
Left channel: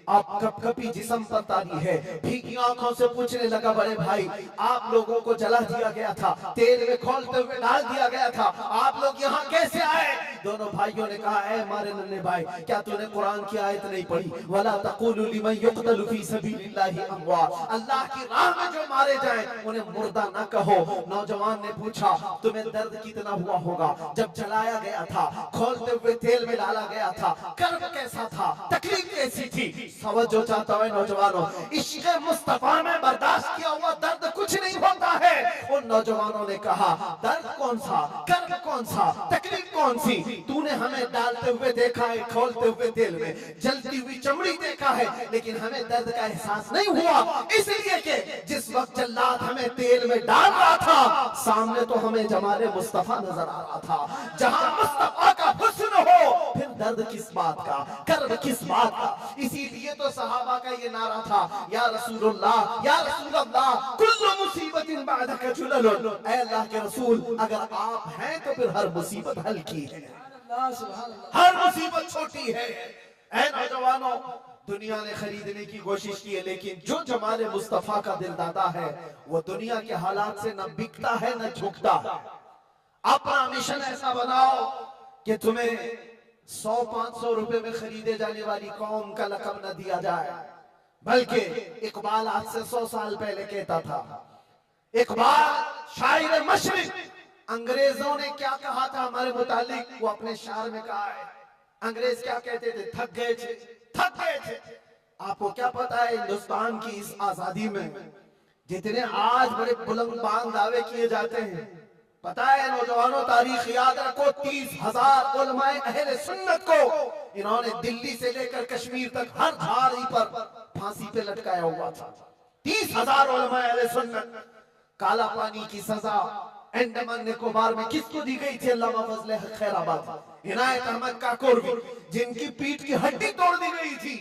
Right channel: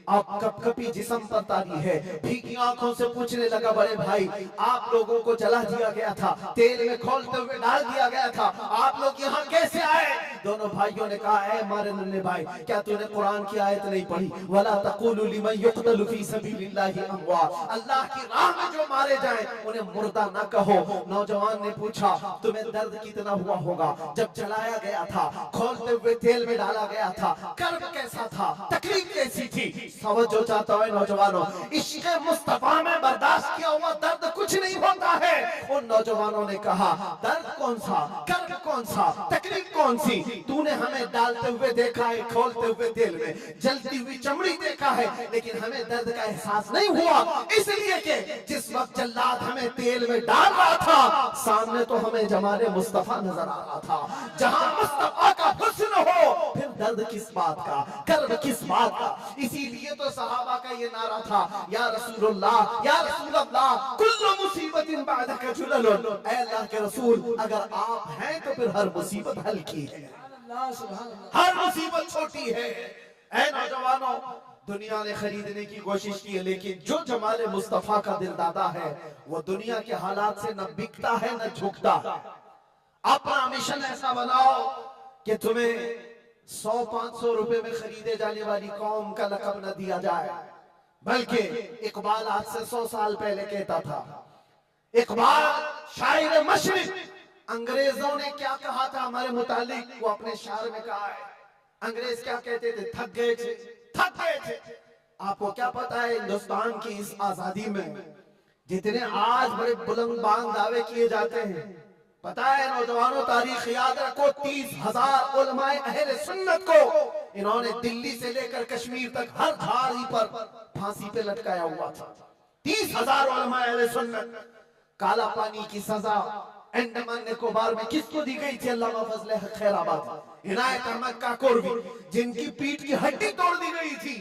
आप कपकपी जिस्म पर तारी है, भीगी आंखों से पूछने लगा, बड़े भाई आप लोगों को जला दिया गया था, तेल में खोलते हुए डाल दिया गया था, आप लोग यहाँ कैसे आए? दोनों भाइयों ने कहा, ऐ मारे नन्हे भाई, क्या तूने कुरान की आयत नहीं पढ़ी? वला तक़ूलू लिमन युक़तलु फी सबीलिल्लाहि अमवात, अल्लाह की राह में जो मारे जाएं उन्हें मुर्दा न कहो। नौजवान ने पूछा, तुम्हें दर्द कितना हुआ होगा जब जलाया गया था, खोलते हुए तेल में डाला गया था, कर्ब कैसा था, तकलीफ कैसी थी? समझो चाहता है नौजवानों, इश्क़ मुस्तफा में बर्दाश्त किया हुआ दर्द कुछ नहीं होता है। उन नौजवानों ने कहा, दर्द कौन सा, कर्ब कौन सा, तकलीफ कौन सी? तूने हमें डालते हुए देखा है, खोलते हुए तेल में, जलती हुई चमड़ी देखा है, लेकिन हमें दर्द का एहसास नहीं हुआ, इसलिए कि जिस वक्त जल्लाद हमें तेल में डाल रहा था, सामने तो हमें जमाले मुस्तफा नजर आ रहा था। जहां मुस्तफा का हुस्न हो, फिर दर्द किस बात का, कर्ब किस बात का? इसीलिए तो सहाबा का ये नारा था, या रसूलुल्लाह, या रसूलल्लाह, कुल्लु मुसीबतिन बअदका जुललुन, ऐ अल्लाह के रसूल, अगर आप हैं तो फिर हर मुसीबत हल्की है, हर मुसीबत छोटी है। ऐ नौजवानों, दुनिया ने खरीदने की कोशिश की है, लेकिन जो जमाले मुस्तफा का दिलदादा है वो दुनिया के हालात से न बिकता है न झुकता। अपना मिशन ऐसा बनाओ कि तुम्हें 100-500 रुपए में खरीदे जाने वाली कौम का लक़ब न दिया जाए, बल्कि इकबाल आज से 100 साल पहले कहता था, इकबाल शायर मशरिक, अंग्रेजों ने क्या कहा था हमारे मुतालिक, वो अपने शार में कहा है। अंग्रेज क्या कहते थे? थक गए थे, थक गए थे। आपको क्या पता है, हिंदुस्तान की इस आजादी में जितने आज बड़े बुलंद दावे किए जाते हैं, पता है नौजवानों, तारीख याद रखो, 30,000 उलमाए अहले सुन्नत को इन्होंने दिल्ली से लेकर कश्मीर तक हर झाड़ी पर फांसी पे लटकाया हुआ था। 30,000 उलमाए अहले सुन्नत। काला पानी की सजा अंडमान निकोबार में किसको दी गई थी? अल्लामा फजले खैराबाद, इनायत अहमद काकोरवी, जिनकी पीठ की हड्डी तोड़ दी गई थी,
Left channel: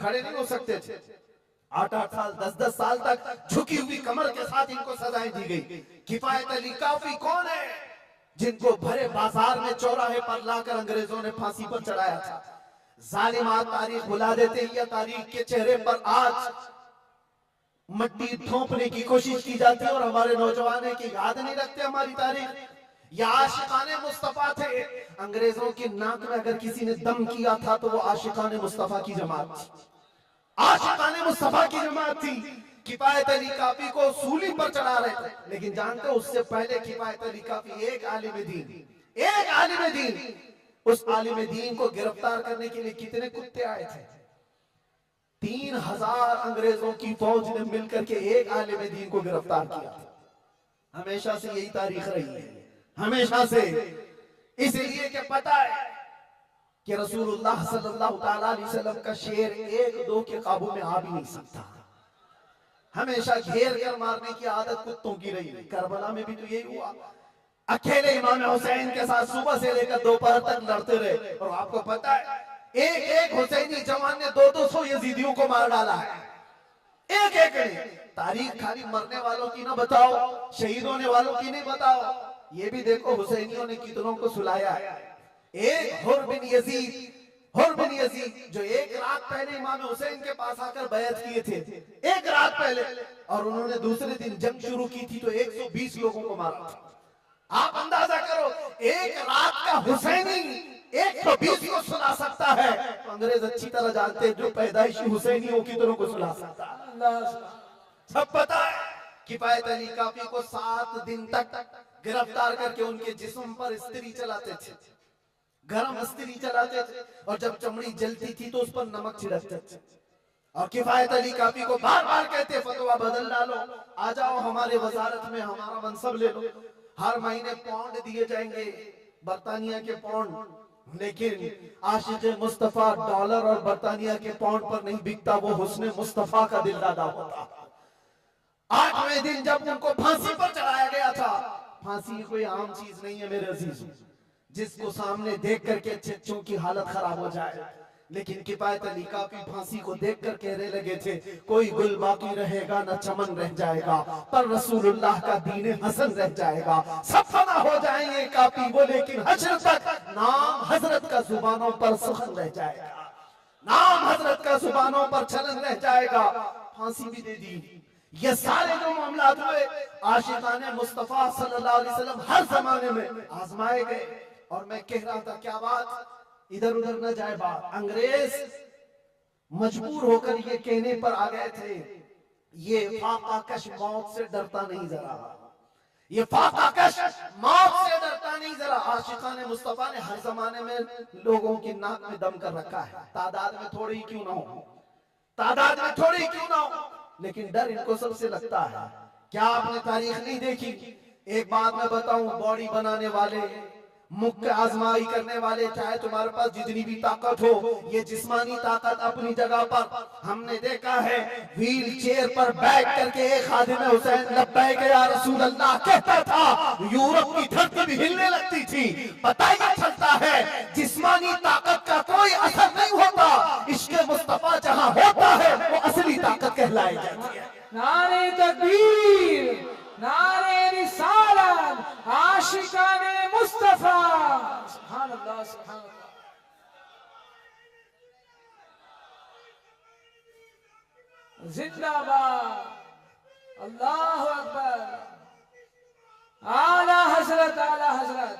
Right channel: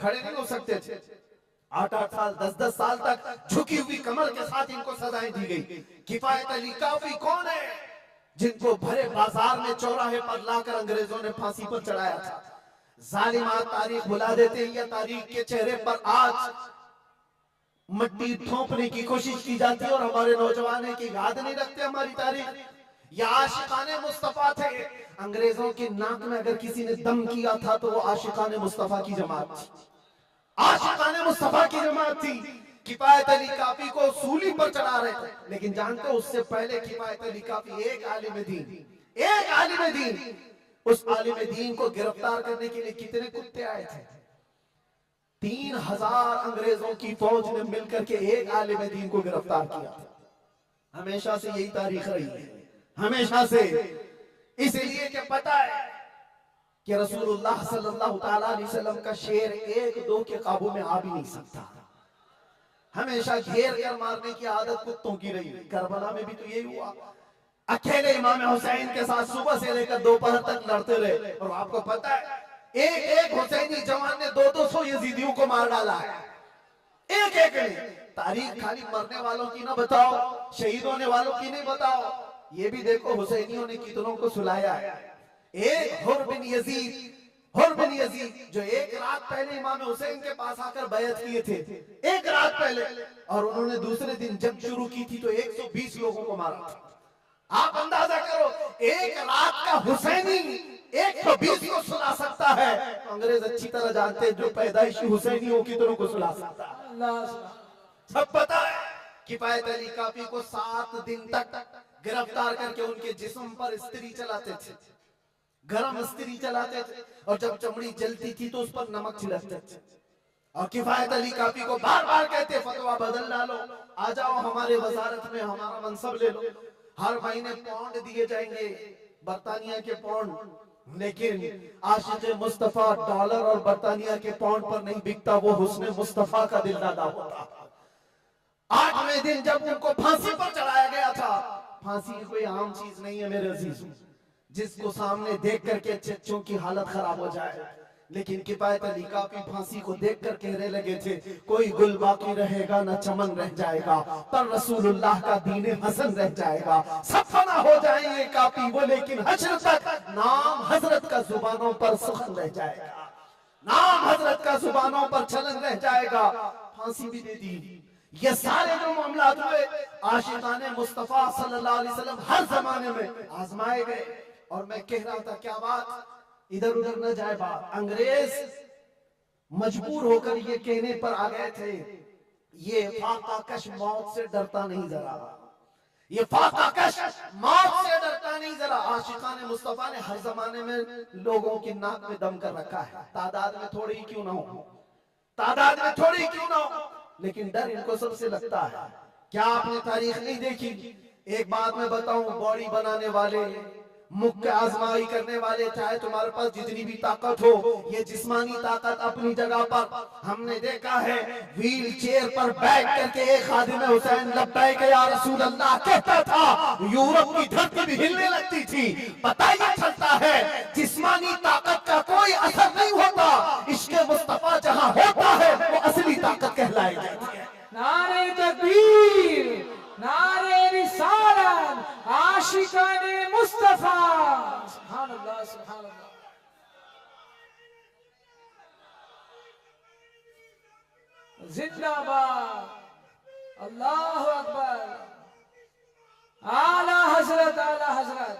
खड़े नहीं हो सकते थे, 8-8 साल 10-10 साल तक झुकी हुई कमर के साथ इनको सजाएं दी गई। किफायत अली काफी कौन है, जिनको भरे बाजार में चौराहे पर लाकर अंग्रेजों ने फांसी पर चढ़ाया था। जालिमात तारीख भुला देते हैं, या तारीख के चेहरे पर आज मट्टी थोपने की कोशिश की जाती है और हमारे नौजवान के याद नहीं रखते हमारी तारीख। या आशिकाने मुस्तफा थे, अंग्रेजों के नाक में अगर किसी ने दम किया था तो वो आशिकाने मुस्तफा की जमात थी, आशिकाने मुस्तफा की जमात थी। किफायत अली काफी को सूली पर चढ़ा रहे थे, लेकिन जानते हो उससे पहले किफायत अली काफी एक आलिम दीन, एक आलिम दीन, उस आलिम दीन को गिरफ्तार करने के लिए कितने कुत्ते आए थे? 3,000 अंग्रेजों की फौज ने मिलकर के एक आलिम दीन को गिरफ्तार किया था। हमेशा से यही तारीख रही है, हमेशा से। इसलिए कि पता है कि रसूलुल्लाह सल्लल्लाहु ताला अलैहि वसल्लम का शेर 1-2 के काबू में आ भी नहीं सकता, हमेशा घेर कर मारने की आदत कुत्तों की रही है। करबला में भी तो यही हुआ, अकेले इमाम हुसैन के साथ सुबह से लेकर दोपहर तक लड़ते रहे। और आपको पता है, एक हुसैनी जवान ने 200 यजीदियों को मार डाला है, एक ने। तारीख खाली मरने वालों की ना बताओ, शहीद होने वालों की नहीं बताओ, ये भी देखो हुसैनियों ने कितनों को सुलाया है। एक हुर बिन यजीद जो एक रात पहले इमाम हुसैन के पास आकर बैत किए थे, एक रात पहले, और उन्होंने दूसरे दिन जंग शुरू की थी तो 120 लोगों को मारा था। आप अंदाजा करो, एक रात का हुसैनी 120 को सुला सकता है, तो अंग्रेज अच्छी तरह जानते हैं जो पैदाइशी हुसैनियों की तरह को सुला सकता है। सब पता है। किफायत अली काफी को 7 दिन तक गिरफ्तार करके उनके जिस्म पर इस्त्री चलाते थे, गरम इस्त्री चलाते थे, और जब चमड़ी जलती थी तो उस पर नमक छिड़कते थे। और किफायत अली काफी को बार बार कहते, फतवा बदल डालो, आ जाओ हमारे वजारत में, हमारा मनसब ले लो, हर महीने पाउंड दिए जाएंगे, बर्तानिया के पाउंड। लेकिन आशिक मुस्तफा डॉलर और बर्तानिया के पाउंड पर नहीं बिकता, वो हुस्ने मुस्तफा का दिलदादा होता। 8वें दिन जब उनको फांसी पर चढ़ाया गया था, फांसी कोई आम चीज नहीं है मेरे अजीज, जिसको सामने देख करके चच्चों की हालत खराब हो जाए। लेकिन किफायत अली काफी फांसी को देख कर कहने लगे थे, कोई गुल बाकी रहेगा न चमन रह जाएगा, पर रसूलुल्लाह का दीन हसन रह जाएगा। सब फना हो जाएंगे काफी वो, लेकिन हश्र तक नाम हजरत का जुबानों पर सुखन रह जाएगा। नाम हजरत का जुबानों पर चलन रह जाएगा, फांसी भी दे दी। ये सारे जो मामलात हुए आशिकाने मुस्तफा सल्लल्लाहु अलैहि वसल्लम हर जमाने में आजमाए गए। और मैं कह रहा था क्या बात, इधर उधर न जाए बात, अंग्रेज मजबूर होकर ये कहने पर आ गए थे, ये फाकाकश मौत से डरता नहीं जरा, ये फाकाकश मौत से डरता नहीं जरा। आशिकाने मुस्तफा ने हर जमाने में लोगों की नाक में दम कर रखा है, तादाद में थोड़ी ही क्यों ना हो, तादाद में थोड़ी क्यों ना हो, लेकिन डर इनको सबसे लगता है। क्या आपने तारीख नहीं देखी? एक बात मैं बताऊं, बॉडी बनाने वाले, मुख्य आजमाई करने वाले, चाहे तुम्हारे पास जितनी भी ताकत हो, ये जिस्मानी ताकत अपनी जगह पर, हमने देखा है व्हील चेयर पर बैठ करके एक खादिम हुसैन लब्बैक या रसूल अल्लाह कहता था, यूरोप की धरती भी हिलने लगती थी। पता ही चलता है जिस्मानी ताकत का कोई असर नहीं होता, इश्क़ मुस्तफा जहां होता है वो असली ताकत कहलाई जाती है। नारे तकबीर, नारे रिसालत, आशिकाने मुस्तफा, सुभान अल्लाह, सुभान अल्लाह। जिंदाबाद, अल्लाह अकबर, आला हजरत, आला हजरत,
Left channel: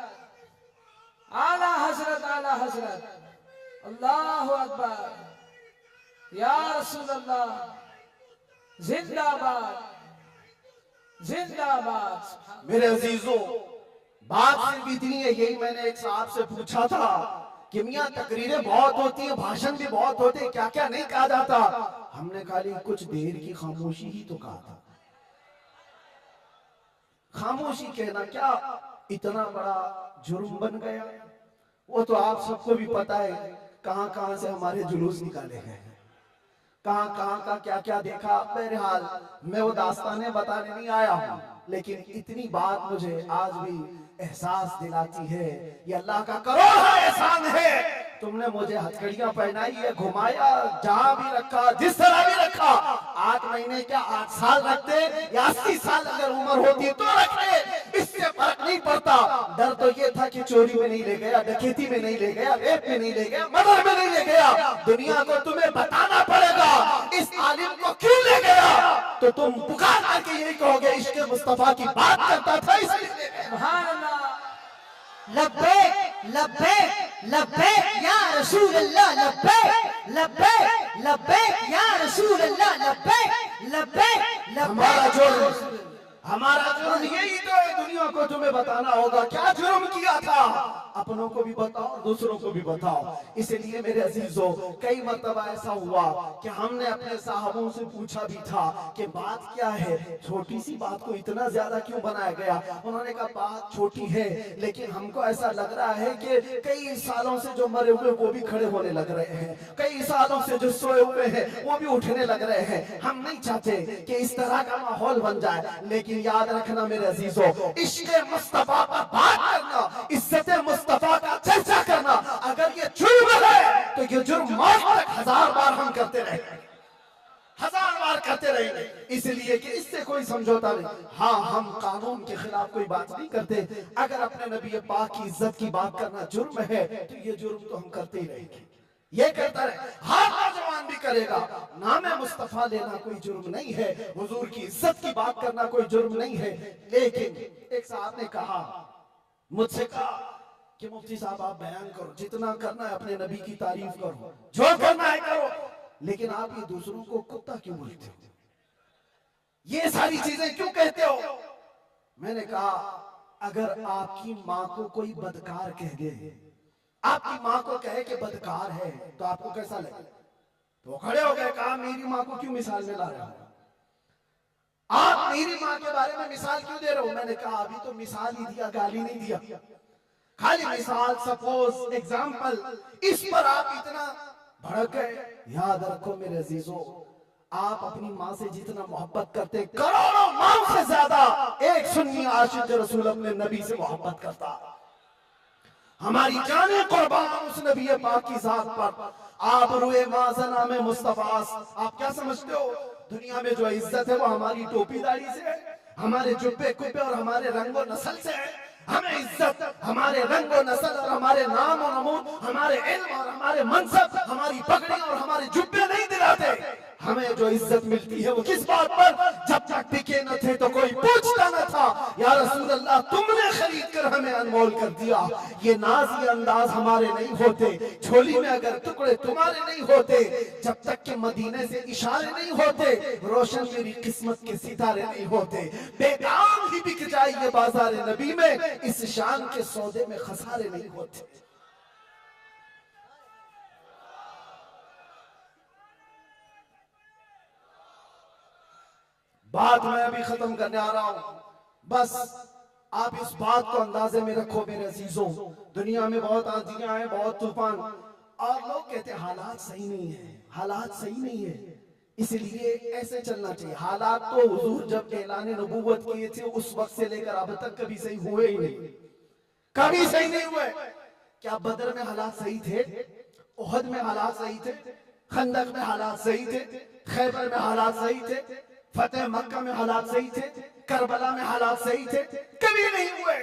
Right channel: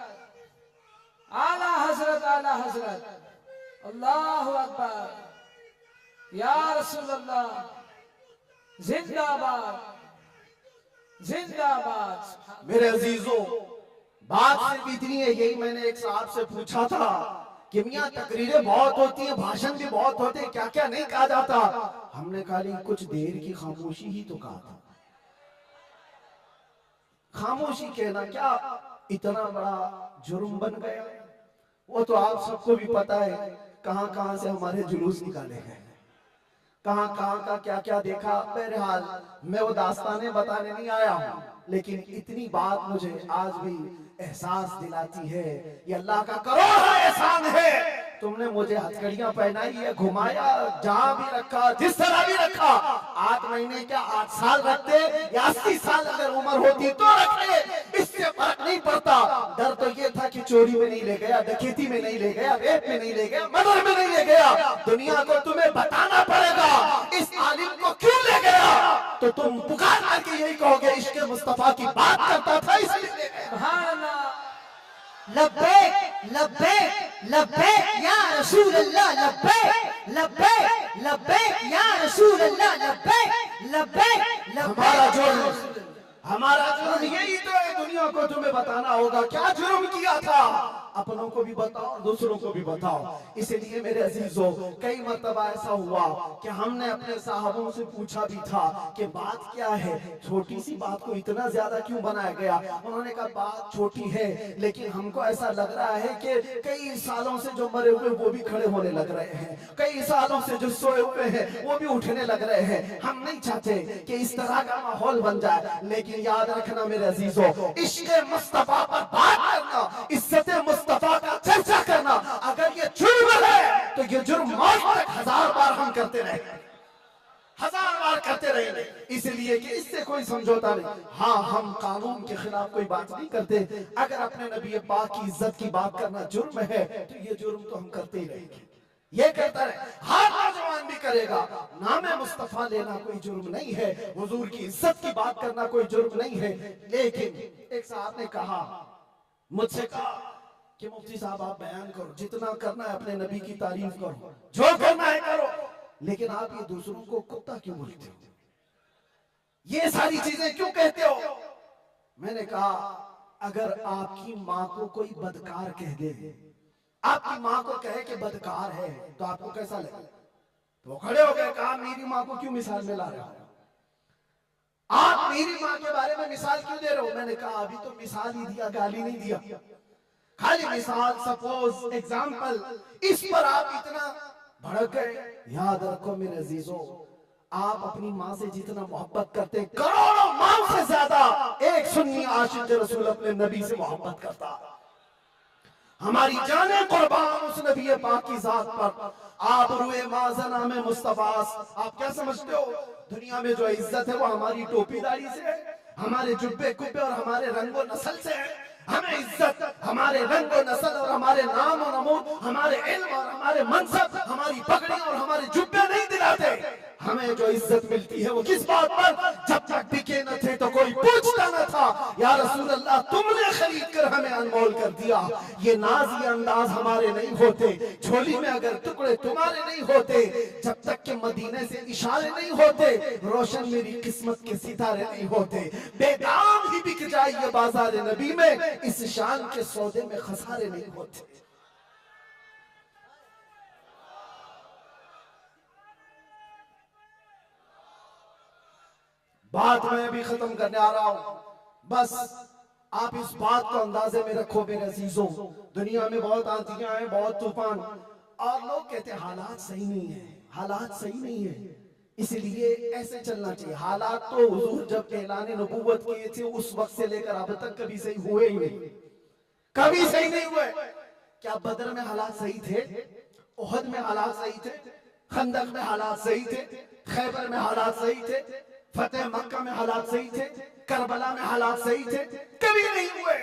आला हजरत, आला हजरत, अल्लाह अकबर, या रसूल अल्लाह, जिंदाबाद, जिंदाबाद। मेरे अजीजों, बात सिर्फ इतनी है, यही मैंने एक साहब से पूछा था कि मियां तकरीरें बहुत होती हैं, भाषण भी बहुत होते हैं, क्या क्या नहीं कहा जाता। हमने खाली कुछ देर की खामोशी ही तो कहा था। खामोशी कहना क्या इतना बड़ा जुर्म बन गया? वो तो आप सबको भी पता है, कहां कहां से हमारे जुलूस निकाले हैं, कहां कहां का क्या क्या देखा। बहरहाल मैं वो दास्तानें बताने नहीं आया हूं, लेकिन इतनी बात मुझे आज भी एहसास दिलाती है, ये अल्लाह का करोड़ एहसान है। तुमने मुझे हथकड़ियां पहनाई है, घुमाया, जहां भी रखा, जिस तरह भी रखा। 8 महीने क्या 8 साल रखते या 80 साल अगर उम्र होती तो रखते, इससे फर्क नहीं पड़ता। डर तो ये था कि चोरी में नहीं ले गया, डकैती में नहीं ले गया, रेप में नहीं ले गया, मर्डर में नहीं ले गया। दुनिया को तुम्हें बताना पड़ेगा इस आलिम को क्यों ले गया, तो तुम पुकार करके यही कहोगे इश्क़ मुस्तफा की बात करता था इसलिए ले गया। सुभान अल्लाह, लब्बैक लब्बैक लब्बैक या रसूल अल्लाह, लब्बैक लब्बैक लब्बैक या रसूल अल्लाह, लब्बैक लब्बैक लब्बैक। हमारा जुर्म यही तो है, दुनिया को तुम्हें बताना होगा क्या जुर्म किया था। अपनों को भी बताओ और दूसरों को भी बताओ। इसलिए मेरे अजीजों, कई मर्तबा ऐसा हुआ कि हमने अपने साहबों से पूछा भी था कि बात क्या है, छोटी सी बात को इतना ज्यादा क्यों बनाया गया। उन्होंने कहा बात छोटी है, लेकिन हमको ऐसा लग रहा है कि कई सालों से जो मरे हुए वो भी खड़े होने लग रहे हैं, कई सालों से जो सोए हुए हैं वो भी उठने लग रहे हैं। हम नहीं चाहते कि इस तरह का माहौल बन जाए, लेकिन याद रखना मेरे अजीजों, इश्क़ मुस्तफा पर बात करना, इज्जत मुस्तफा का चर्चा करना, अगर ये जुर्म है तो ये जुर्म मौत तक 1000 बार हम करते रहेंगे, 1000 बार करते रहेंगे। इसलिए कि इससे कोई समझौता नहीं। हाँ, हम कानून के खिलाफ कोई बात नहीं करते। अगर अपने नबी पाक की इज्जत की बात करना जुर्म है तो ये जुर्म तो हम करते ही रहेंगे, ये करता रहे, हर नौजवान भी करेगा। नामे मुस्तफा लेना कोई जुर्म नहीं है, हुजूर की इज्जत की बात करना कोई जुर्म नहीं है। लेकिन एक साहब ने कहा, मुझसे कहा कि मुफ्ती साहब आप बयान करो, जितना करना है अपने नबी की तारीफ करो, जो करना है करो, लेकिन आप ये दूसरों को कुत्ता क्यों बोलते हो, ये सारी चीजें क्यों कहते हो। मैंने कहा अगर आपकी माँ को कोई बदकार कह दे, आपकी माँ को कहे कि बदकार है, तो आपको कैसा लगे। तो खड़े हो गए, कहा मेरी माँ को क्यों मिसाल में ला रहे हो, आप मेरी माँ के बारे में मिसाल क्यों दे रहे हो। मैंने कहा अभी तो मिसाल ही दिया, गाली नहीं दिया, खाली मिसाल, सपोज, एग्जाम्पल, इस पर आप इतना भड़क गए। याद रखो मेरे अजीजों, आप अपनी माँ से जितना मोहब्बत करते हैं, करोड़ों माँ से ज्यादा एक सुन्नी आशिक रसूल अपने नबी से मोहब्बत करता। हमारी जाने कुर्बान उस नबी पाक की जात पर। आप रुए माज़ना में मुस्तफास, आप क्या समझते हो दुनिया में जो इज्जत है वो हमारी टोपी दाढ़ी से है, हमारे जुब्बे कुब्बे और हमारे रंगो नस्ल से है। हमें इज्जत हमारे रंग और नस्ल और हमारे नाम और नमूद, हमारे इल्म और हमारे मनसब, हमारी पगड़ियां और हमारे जुब्बे नहीं दिलाते। हमें जो इज्जत मिलती है वो किस बात पर? जब तक बिके न थे तो कोई पूछता न था, या रसूल अल्लाह तुमने खरीद कर हमें अनमोल कर दिया। ये नाज ये अंदाज हमारे नहीं होते, झोली में अगर टुकड़े तुम्हारे नहीं होते, जब तक के मदीने से इशारे नहीं होते, रोशन मेरी किस्मत के सितारे नहीं होते। बेदाम ही बिक जाए ये बाजार नबी में, इस शान के सौदे में खसारे नहीं होते। बात मैं अभी खत्म करने आ रहा हूं, बस आप इस बात को अंदाजे में रखो मेरे अजीजों। दुनिया में बहुत आंधियां हैं, बहुत तूफान, और लोग कहते हैं हालात सही नहीं है, हालात सही नहीं है, इसलिए ऐसे चलना चाहिए। हालात तो हुजूर जब ऐलान नबूवत किए थे उस वक्त से लेकर अब तक कभी सही हुए ही नहीं, कभी सही नहीं हुए। क्या बदर में हालात सही थे? उहद में हालात सही थे? खंदक में हालात सही थे? खैबर में हालात सही थे? फतेह मक्का में हालात सही थे? करबला में हालात सही थे? कभी नहीं हुए।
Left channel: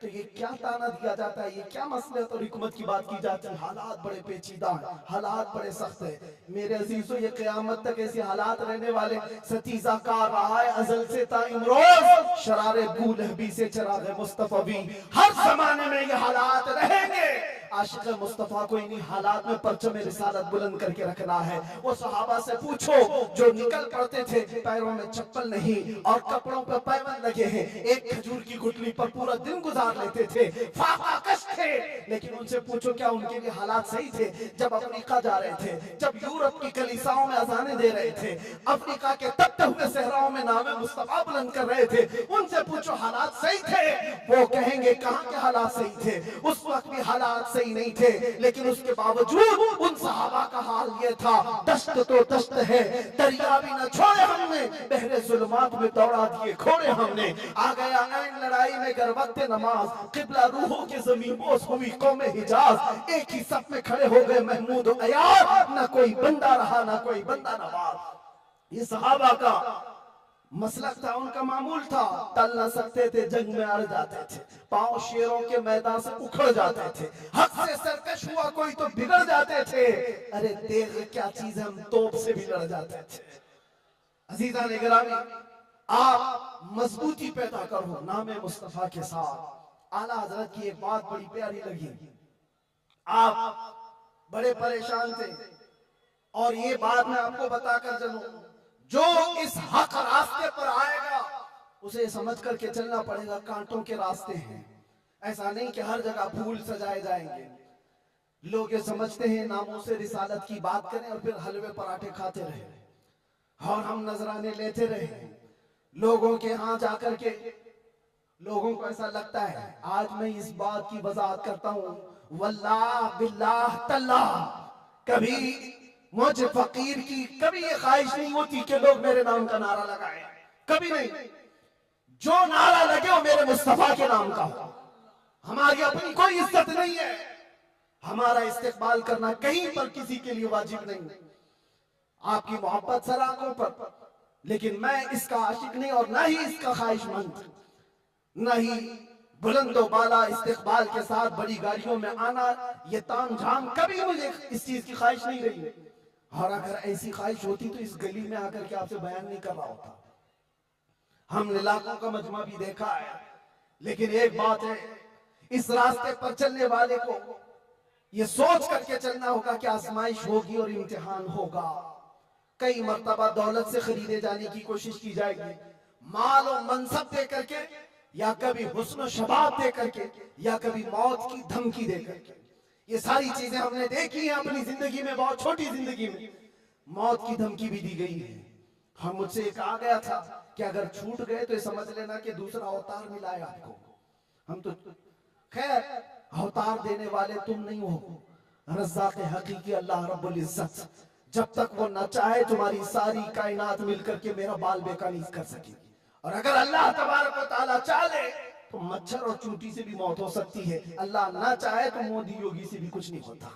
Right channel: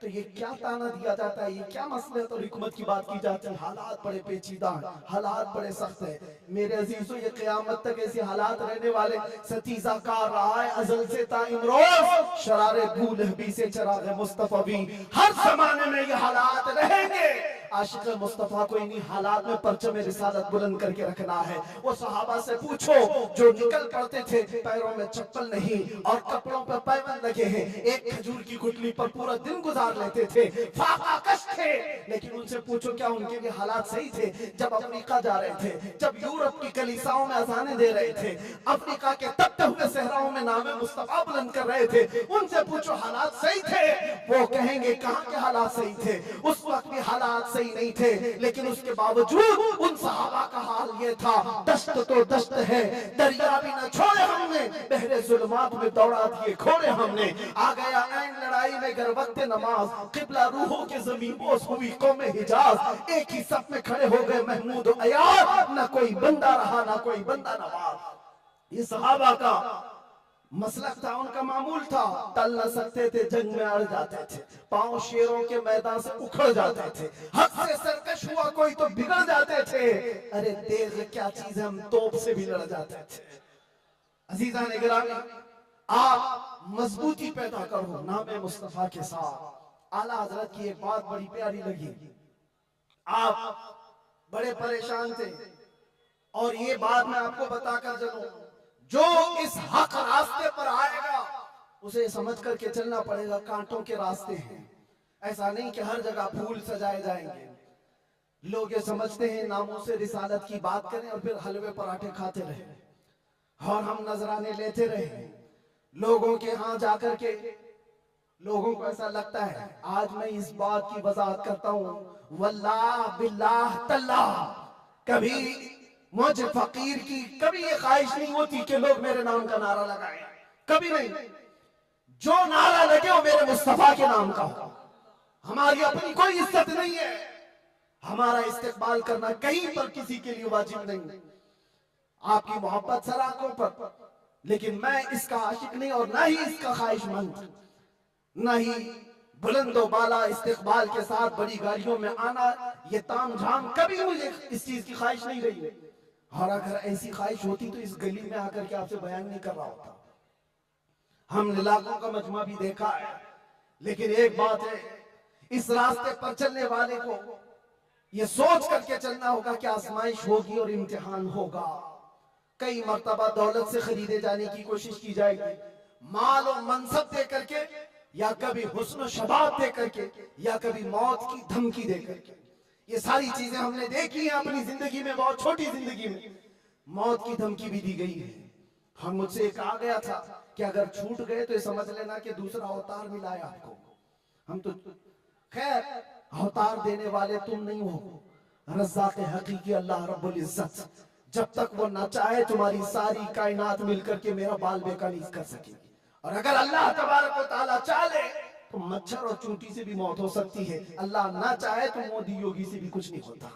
तो ये क्या ताना दिया जाता है, ये क्या मसलहत और हिकमत की बात की जाती है? हालात बड़े पेचीदा हैं, हालात बड़े सख्त है मेरे अजीजों। ये क़यामत तक ऐसे हालात रहने वाले। सतीजा कार रहा है अजल से ता इमरोज, शरारे बूलहबी से चराग मुस्तफवी, हर जमाने में ये हालात रहेंगे। आशिक मुस्तफा को इन्हीं हालात में परचम रिसालत बुलंद करके रखना है। वो सहाबा से पूछो जो निकल पड़ते थे, पैरों में चप्पल नहीं और कपड़ों पर पैबंद लगे हैं, एक खजूर की गुठली पर पूरा दिन गुजार लेते थे, फाका कश थे, लेकिन उनसे पूछो क्या उनके लिए हालात सही थे? जब अफ्रीका जा रहे थे, जब यूरोप की कलीसाओं में अजाने दे रहे थे, अफ्रीका के तपते हुए सहराओं में नामे मुस्तफा बुलंद कर रहे थे, उनसे पूछो हालात सही थे? वो कहेंगे कहां के हालात सही थे, उस वक्त भी हालात सही नहीं थे, लेकिन उसके बावजूद उन सहाबा का हाल ये था, दस्त तो दस्त है, दरिया भी न छोड़े हमने, बहरे जुल्मात में दौड़ा दिए घोड़े हमने। आ गया ऐन लड़ाई में गर वक्त नमाज, किबला रूहों के ज़मीन बोस हुई कौम हिजाज, एक ही सफ में खड़े हो गए महमूद और अयाज, न कोई बंदा रहा न कोई बंदा नवाज। ये सहाबा का मसलक था, उनका मामूल था। टल न सकते थे, जंग में अड़ जाते थे, पांव शेरों के मैदान से उखड़ जाते थे, हक से सरकश हुआ कोई तो बिगड़ जाते थे। अरे तेग क्या चीज है, हम तोप से भी लड़ जाते थे। अजीजा ने गिरामी, आप मजबूती पैदा करो नामे मुस्तफा के साथ। आला हजरत की एक बात बड़ी प्यारी लगी, आप बड़े परेशान थे और ये बात मैं आपको बताकर चलूं, जो इस हक रास्ते पर आएगा उसे समझ करके चलना पड़ेगा, कांटों के रास्ते हैं। ऐसा नहीं कि हर जगह फूल सजाए जाएंगे। लोग ये समझते हैं नामों से रिसालत की बात करें और फिर हलवे पराठे खाते रहे और हम नजराने लेते रहे लोगों के यहाँ जाकर के। लोगों को ऐसा लगता है, आज मैं इस बात की वजाहत करता हूँ, वल्लाह बिल्लाह तल्लाह, कभी मुझे फकीर की कभी ये ख्वाहिश नहीं होती कि लोग मेरे नाम का नारा लगाएं, कभी नहीं। जो नारा लगे वो मेरे मुस्तफा के नाम का हो। हमारी अपनी कोई इज्जत नहीं है, हमारा इस्तेकबाल करना कहीं पर किसी के लिए वाजिब नहीं। आपकी मोहब्बत सर आंखों पर, लेकिन मैं इसका आशिक नहीं और ना ही इसका ख्वाहिशमंद, ना ही बुलंदो बाला इस्तेकबाल के साथ बड़ी गाड़ियों में आना, ये ताम झाम, कभी मुझे इस चीज की ख्वाहिश नहीं रही। और अगर ऐसी ख्वाहिश होती तो इस गली में आकर के आपसे बयान नहीं कर रहा होता। हमने लाखों का मजमा भी देखा है, लेकिन एक बात है, इस रास्ते पर चलने वाले को ये सोच करके चलना होगा कि आजमाइश होगी और इम्तिहान होगा। कई मर्तबा दौलत से खरीदे जाने की कोशिश की जाएगी, माल और मनसब दे करके, या कभी हुस्न शबाब दे करके, या कभी मौत की धमकी दे करके। ये सारी चीजें हमने देखी हैं अपनी जिंदगी में, बहुत छोटी जिंदगी में मौत की धमकी भी दी गई है। हम मुझसे कहा गया था कि अगर छूट गए तो ये समझ लेना कि दूसरा अवतार मिला है आपको। हम तो खैर अवतार देने वाले तुम नहीं हो, रज़्ज़ाक़ हकीकी अल्लाह रब्बुल इज्जत, जब तक वो न चाहे तुम्हारी सारी कायनात मिलकर के मेरा बाल बेका नहीं कर सकेगी। और अगर अल्लाह तबारक व तआला चाहे तो मच्छर और चूंटी से भी मौत हो सकती है, अल्लाह ना चाहे तो मोदी योगी से भी कुछ नहीं होता।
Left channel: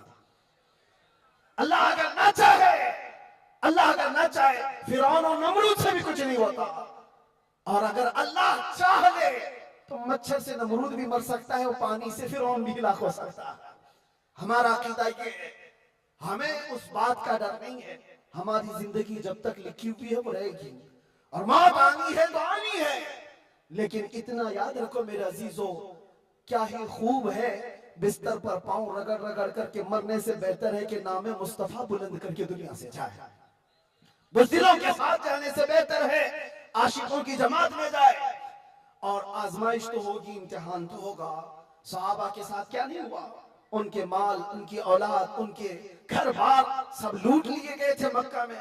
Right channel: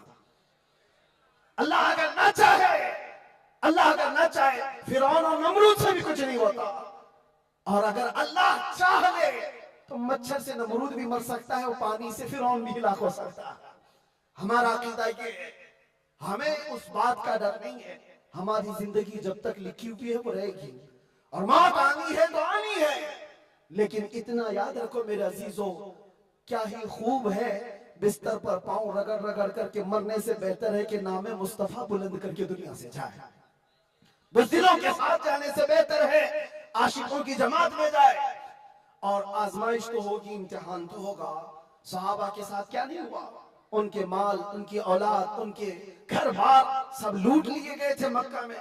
अल्लाह अगर ना चाहे, अल्लाह अगर ना चाहे फिरौन और नमरूद से भी कुछ नहीं होता। और अगर अल्लाह चाह ले तो मच्छर से नमरूद भी मर सकता है और पानी से फिरौन भी हिलाक हो सकता है। हमारा अकीदा ये है, हमें उस बात का डर नहीं है। हमारी जिंदगी जब तक लिखी हुई है वो रहेगी, और मौत आनी है तो आनी है। लेकिन इतना याद रखो मेरे अजीजों, क्या ही खूब है बिस्तर पर पांव रगड़ रगड़ करके मरने से बेहतर है कि नामे मुस्तफा बुलंद करके दुनिया से जाए। बुज़दिलों के साथ जाने से बेहतर है आशिकों की जमात में जाए। और आजमाइश तो होगी, इम्तिहान तो होगा। सहाबा के साथ क्या नहीं हुआ, उनके माल, उनकी औलाद, उनके घर बार सब लूट लिए गए थे मक्का में।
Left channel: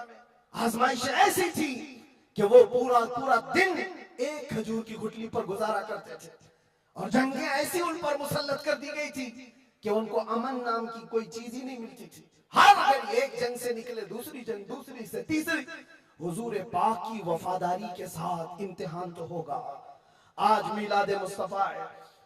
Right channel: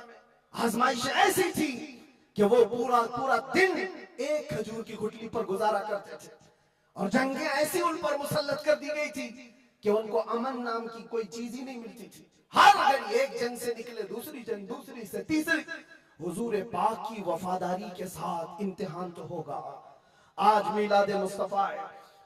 आजमाइश ऐसी थी कि वो पूरा पूरा दिन एक खजूर की गुठली पर गुजारा करते थे, और जंगें ऐसी उन पर मुसल्लत कर दी गई थी कि उनको अमन नाम की कोई चीज ही नहीं मिलती थी। हर घड़ी एक जंग से निकले दूसरी जंग, दूसरी से तीसरी। हुजूर पाक की वफादारी के साथ इम्तिहान तो होगा। आज मिलाद मुस्तफा है,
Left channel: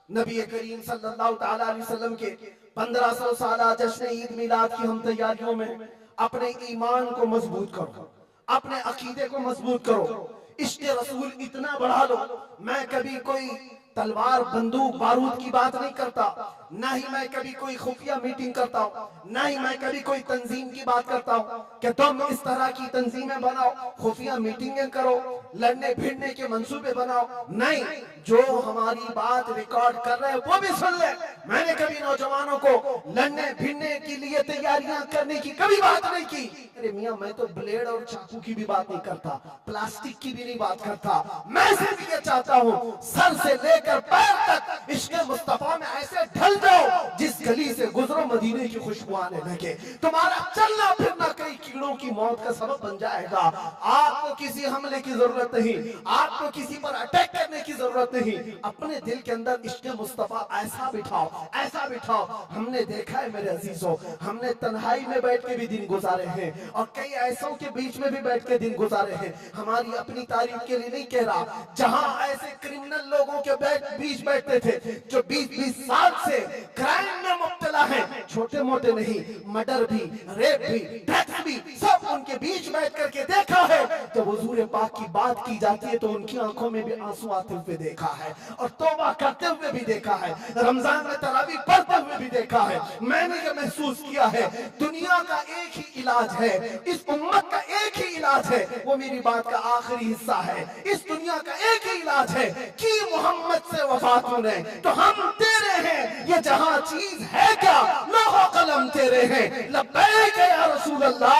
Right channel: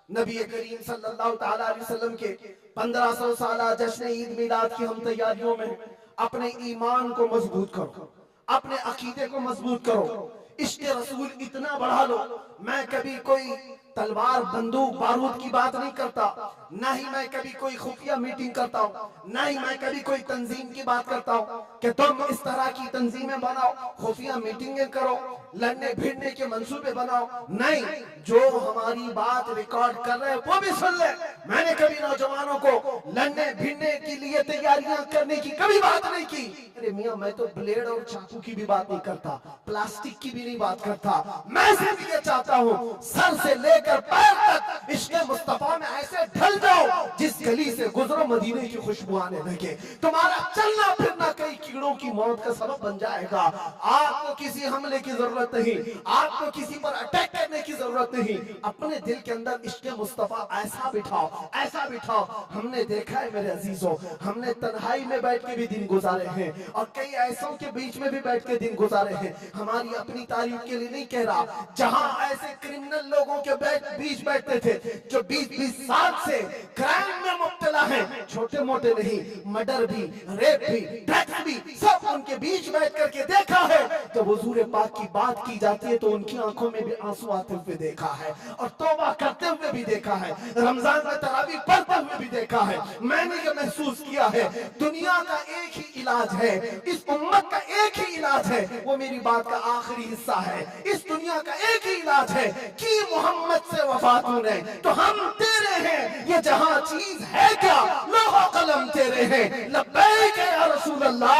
नबी करीम सल्लल्लाहु ताला अलैहि वसल्लम के 1500 साला जश्न ईद मिलाद की हम तैयारियों में अपने ईमान को मजबूत करो, अपने अकीदे को मजबूत करो, इश्क रसूल इतना बढ़ा लो। मैं कभी कोई तलवार बंदूक बारूद की बात नहीं करता, ना ही मैं कभी कोई खुफिया मीटिंग करता हूँ, ना ही मैं कभी कोई तंजीम की बात करता हूँ कि तुम इस तरह की तंजीमें बनाओ, खुफिया मीटिंगें करो, लड़ने भिड़ने के मंसूबे बनाओ। नहीं, जो हमारी बात रिकॉर्ड कर रहे हैं वो भी सुन ले। मैंने कभी नौजवानों को लड़ने भिड़ने के लिए तैयारियां करने की कभी बात नहीं की। अरे मियां, मैं तो ब्लेड और चाकू की भी बात नहीं करता, प्लास्टिक की भी नहीं बात करता। मैं सिर्फ ये चाहता हूँ सर से लेकर पैर तक इश्क मुस्तफा में ऐसे ढल जाओ, जिस गली से गुजरो मदीने की खुशबू आने लगे। तुम्हारा चलना फिरना कई कीड़ों की मौत का सबब बन जाएगा। आपको किसी हमले की जरूरत नहीं, आपको किसी पर अटैक करने की जरूरत नहीं। अपने दिल के अंदर इश्क मुस्तफा ऐसा बिठाओ, ऐसा बिठाओ। हमने देखा है मेरे अजीजों, हमने तन्हाई में बैठ के भी दिन गुजारे हैं, और कई ऐसों के बीच में भी बैठ के दिन गुजारे हैं। हमारी अपनी तारीफ के लिए नहीं कह रहा, जहां ऐसे क्रिमिनल लोगों के बीच बैठते थे जो 20-20 साल से क्राइम में मुब्तला हैं, छोटे मोटे नहीं, मर्डर भी, रेप भी, ड्रग्स भी, सब उनके बीच बैठ करके देखा है। जब हुजूर पाक की बात की जाती है तो उनकी आंखों में भी आंसू आते हुए देखा है, और तौबा करते हुए भी देखा है, रमजान में तरावी पढ़ते हुए भी देखा है। मैंने ये महसूस किया है, दुनिया का एक ही इलाज है, इस उम्मत का एक ही इलाज है, वो मेरी बात का आखिरी हिस्सा है। इस दुनिया का एक ही इलाज है कि मोहम्मद से वफा तूने तो हम तेरे हैं, ये जहां चीज है क्या लोहा कलम तेरे हैं। लब्बैक या रसूल अल्लाह,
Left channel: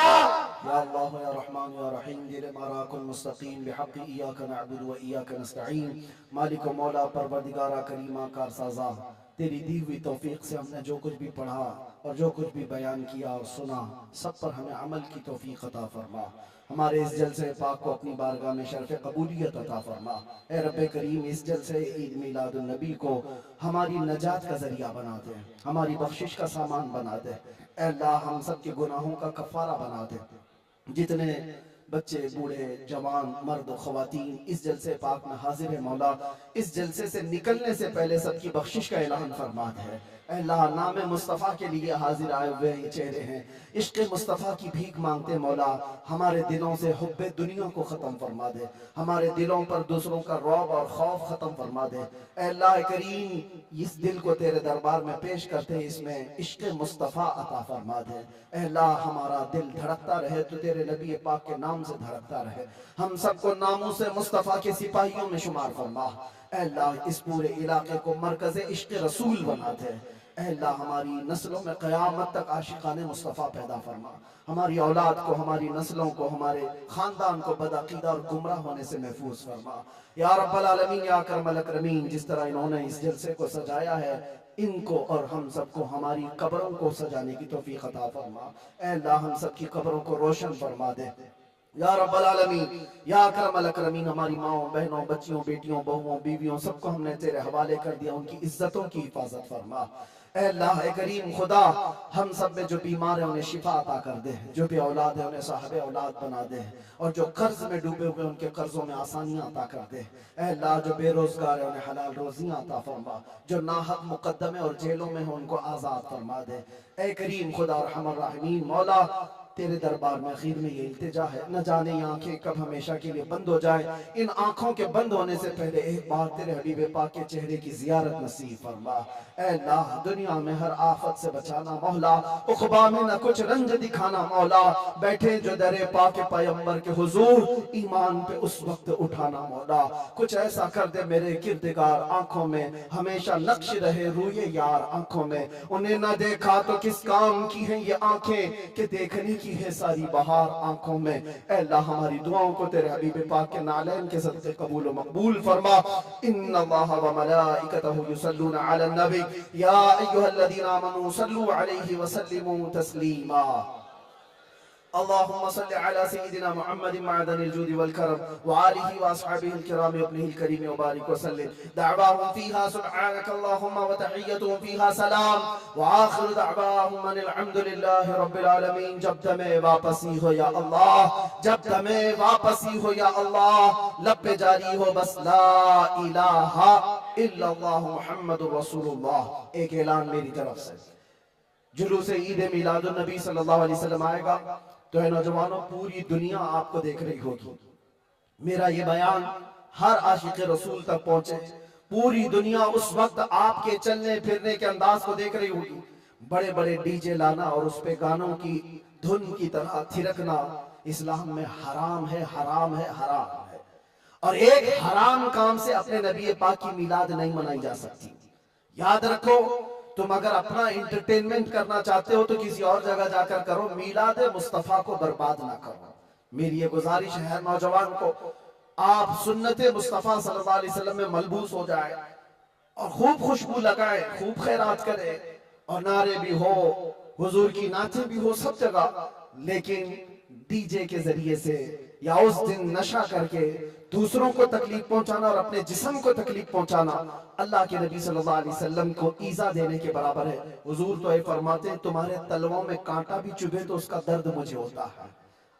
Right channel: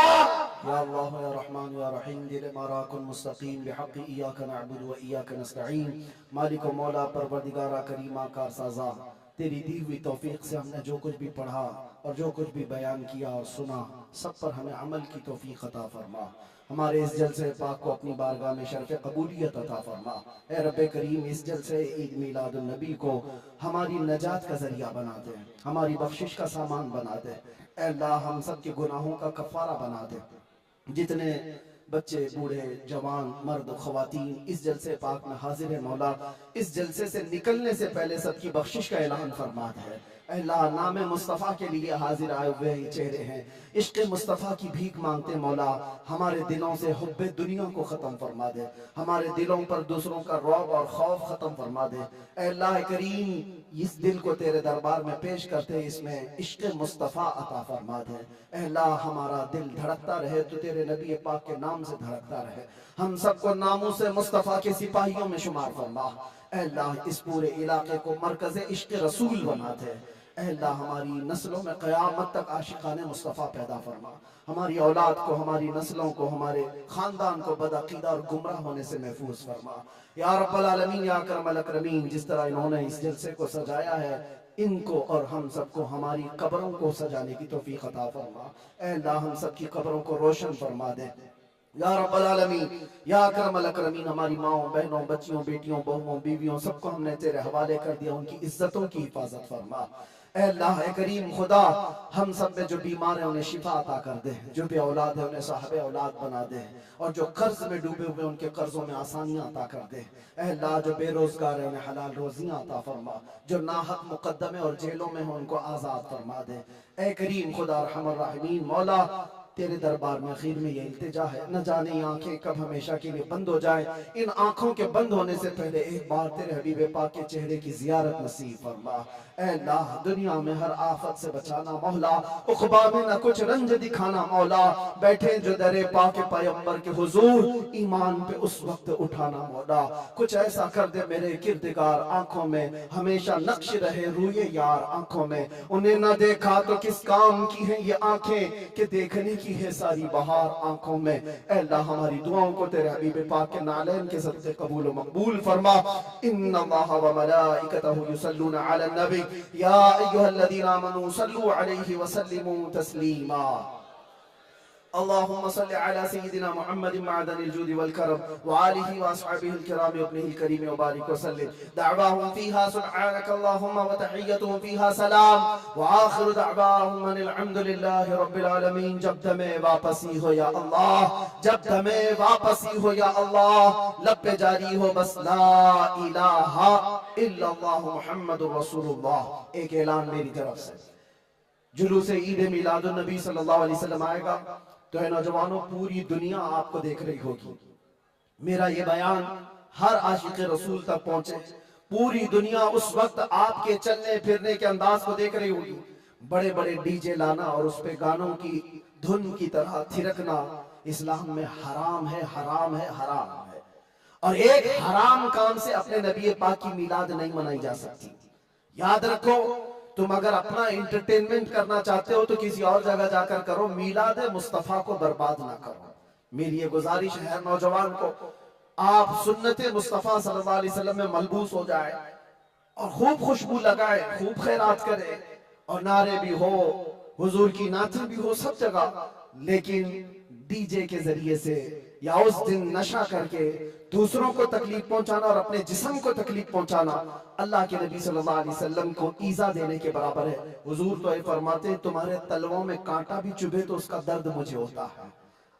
या अल्लाह या रहमान या रहीम, दिल माराकुल मुस्तकीम बिहक़्क़ि इय्याका नअबुदु व इय्याका नस्तईन। मालिक व मौला परवरदिगारा करीमा कारसाज़ा, तेरी दी हुई तौफीक से हमने जो कुछ भी पढ़ा और जो कुछ भी बयान किया और सुना, सब पर हमें अमल की तौफीक अता फरमा। हमारे इस जलसे पाक को अपनी बारगाह में शरफ़ कबूलियत अता फरमा। ए रब्बे करीम, इस जलसे ईद मिलादुन नबी को हमारी नजात का जरिया बना दे, हमारी बख्शिश का सामान बना दे। ए अल्लाह, हम सब के गुनाहों का कफ़ारा बना दे। जितने बच्चे, बूढ़े, जवान, मर्द, ख़वातीन इस जलसे पाक में हाजिर है मौला, इस जलसे से निकलने से पहले सबकी बख्शिश का ऐलान फरमा है। अल्लाह, नाम मुस्तफ़ा के लिए हाजिर आए हुए ये चेहरे हैं, इश्क़ मुस्तफ़ा की भीख मांगते मौला, हमारे दिलों से हुब्बे दुनिया को ख़त्म फरमा दे, हमारे दिलों पर दूसरों का रौब और खौफ ख़त्म फरमा दे। अल्लाह करीम, इस दिल को तेरे दरबार में पेश करते इसमें इश्क़ मुस्तफ़ा अता फरमा दे। अल्लाह, हमारा दिल धड़कता रहे तो तेरे नबी पाक के नाम से धड़कता रहे। हम सबको नामों से मुस्तफ़ा के सिपाहियों में शुमार फरमा। अल्लाह, इस पूरे इलाके को मरकज़ इश्क़ रसूल बना दे। अल्लाह, हमारी नस्लों में क़यामत तक आशिकाने मुस्तफ़ा पैदा फरमा। हमारी औलाद को, हमारी नस्लों को, हमारे ख़ानदान को बदअक़ीदा और गुमराह होने से महफूज फरमा। या रब्बल आलमीन, या अकरमल अकरमीन, जिस तरह इन्होंने इस जलसे को सजाया है, इनको और हम सबको हमारी कब्रों को सजाने की तौफीक अता फरमा। अल्लाह, हम सब की कब्रों को रोशन फरमा दे। या रब्बल आलमीन, या अकरमल अकरमीन, हमारी माओ, बहनों, बच्चियों, बेटियों, बहुओं, बीवियों, सबको हमने तेरे हवाले कर दिया, उनकी इज्जतों की हिफाजत फरमा। अल्लाह करीम खुदा, हम सब में जो बीमार है उन्हें शिफा अता कर दे, जो भी औलाद है उन्हें साहब औलाद बना दे, और जो कर्ज में डूबे हुए उनके कर्जों में आसानियां अता कर दे। अल्लाह, जो बेरोजगार है उन्हें हलाल रोजियां अता फरमा, जो नाहक मुकद्दमे और जेलों में हो उनको आज़ाद फरमा दे। ए करीम खुदा रहमान रहीम, मौला तेरे दरबार में आखिर में ये इल्तिजा है, न जाने ये आंखें कब हमेशा के लिए बंद हो जाए। इन आंखों के बंद होने से पहले एक बार तेरे हबीब पाक के चेहरे की जियारत नसीब फरमा। ऐ अल्लाह, दुनिया में हर आफत से बचाना मौला, उक़बा में न कुछ रंज दिखाना मौला। बैठे जो दरे पाक पैगंबर के हुजूर, ईमान पे उस वक्त उठाना मौला। कुछ ऐसा कर दे मेरे किरदगार आंखों में, हमेशा नक्श रहे रूए यार आंखों में। उन्हें न देखा तो किस काम की है ये आंखें, कि देखने की है सारी बहार आंखों में। ऐ अल्लाह, हमारी दुआओं को तेरे हबीब पाक के नालैन के सदक़े कबूल व मकबूल फरमा। इन्नल्लाह व मलाइकतहु युसल्लूना अलन नबी या अय्युहल्लज़ीना आमनू सल्लू अलैहि व सल्लिमू तस्लीमा। अल्लाहुम्मा सल्लि अला सय्यिदिना मुहम्मदिन मअदनिल जूदि वल करम व आलिहि व अस्हाबिहिल किराम व इब्निहिल करीम व बारिक व सल्लिम। दअवाहुम फीहा सुब्हानक अल्लाहुम्मा व तहिय्यतुहुम फीहा सलाम व आखिरु दअवाहुम अनिल हम्दुलिल्लाहि रब्बिल आलमीन। जब दमे वापसी हो या अल्लाह, जब दमे वापसी हो या अल्लाह, लब पे जारी हो बस ला इलाहा इल्लल्लाह मुहम्मदुर रसूलुल्लाह। एक ऐलान मेरी तरफ से, जुलूस ईद मिलादुन नबी सल्लल्लाहु अलैहि वसल्लम आएगा तो है नौजवानों, पूरी दुनिया आपको देख रही होगी। मेरा ये बयान हर आशिक रसूल तक पहुंचे। पूरी दुनिया उस वक्त आपके चलने फिरने के अंदाज को देख रही होगी। बड़े बड़े डीजे लाना और उस पे गानों की धुन की तरह थिरकना इस्लाम में हराम है, हराम है, हराम है। और एक हराम काम से अपने नबी पाक की मिलाद नहीं मनाई जा सकती। याद रखो, तुम अगर अपना इंटरटेनमेंट करना चाहते हो तो किसी और जगह जाकर करो, मिलाद मुस्तफा को बर्बाद ना करो। मेरी ये गुजारिश है नौजवान को, आप सुन्नत मुस्तफा सल्लल्लाहु अलैहि वसल्लम में मलबूस हो जाए और खूब खुशबू लगाए, खूब खैरात करे और नारे भी हो, हुजूर की नातें भी हो सब जगह। लेकिन डीजे के जरिए से या उस दिन नशा करके दूसरों को तकलीफ पहुंचाना और अपने जिस्म को तकलीफ पहुंचाना अल्लाह के नबी सल्लल्लाहु अलैहि वसल्लम को ईजा देने के बराबर है। हुजूर तो ये फरमाते हैं, तुम्हारे तलवों में कांटा भी चुभे तो उसका दर्द मुझे होता है।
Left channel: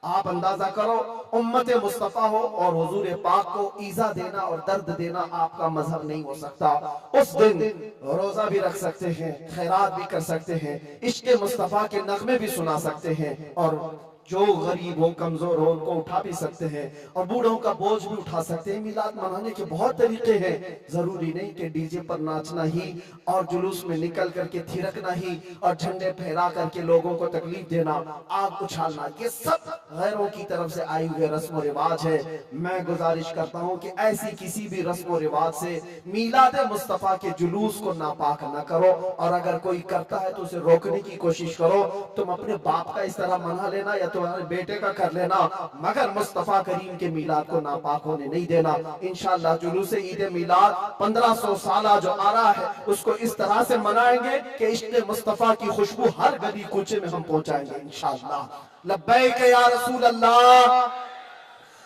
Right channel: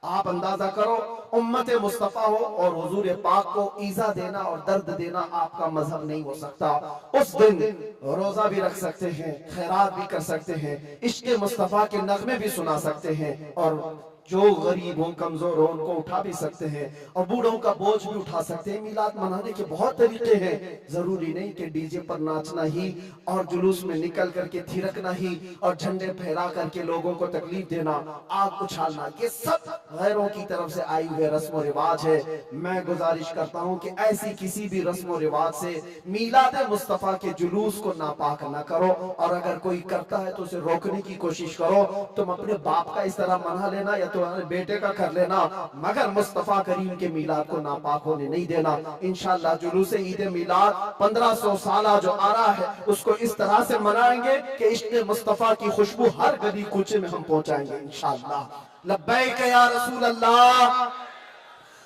आप अंदाजा करो, उम्मत मुस्तफा हो और हुजूर पाक को ईजा देना और दर्द देना आपका मजहब नहीं हो सकता। उस दिन रोजा भी रख सकते हैं, खैरात भी कर सकते हैं, इश्क़ मुस्तफा के नगमे भी सुना सकते हैं और जो गरीब हो, कमजोर हो, उनको उठा भी सकते हैं और बूढ़ों का बोझ भी उठा सकते हैं। मिलाद मनाने के बहुत तरीके हैं। जरूरी नहीं कि डीजे पर नाचना ही और जुलूस में निकल करके थिरकना ही और झंडे फहरा करके लोगों को तकलीफ देना, आग उछालना, ये सब गैरों की तरफ से आए हुए रस्म रिवाज है। मैं गुजारिश करता हूँ कि ऐसी किसी भी रस्म रिवाज से मिलाद मुस्तफा के जुलूस को नापाक न करो और अगर कोई करता है तो उसे रोकने की कोशिश करो। तुम अपने बाप का इस तरह मना लेना या तुम्हारे बेटे का कर लेना, मगर मुस्तफा करीम के मिलाद को नापाक होने नहीं देना। इंशाअल्लाह जुलूस ईद मिलाद 1500 साल जो आ रहा है उसको इस तरह से मनाएंगे कि इश्क़ मुस्तफा की खुशबू हर गली कूचे में हम पहुंचाएंगे इंशाअल्लाह। लब्बैक या रसूल अल्लाह,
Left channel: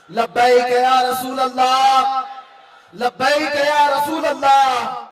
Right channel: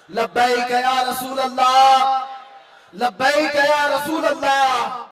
लब्बैक या रसूल अल्लाह, लब्बैक या रसूल अल्लाह।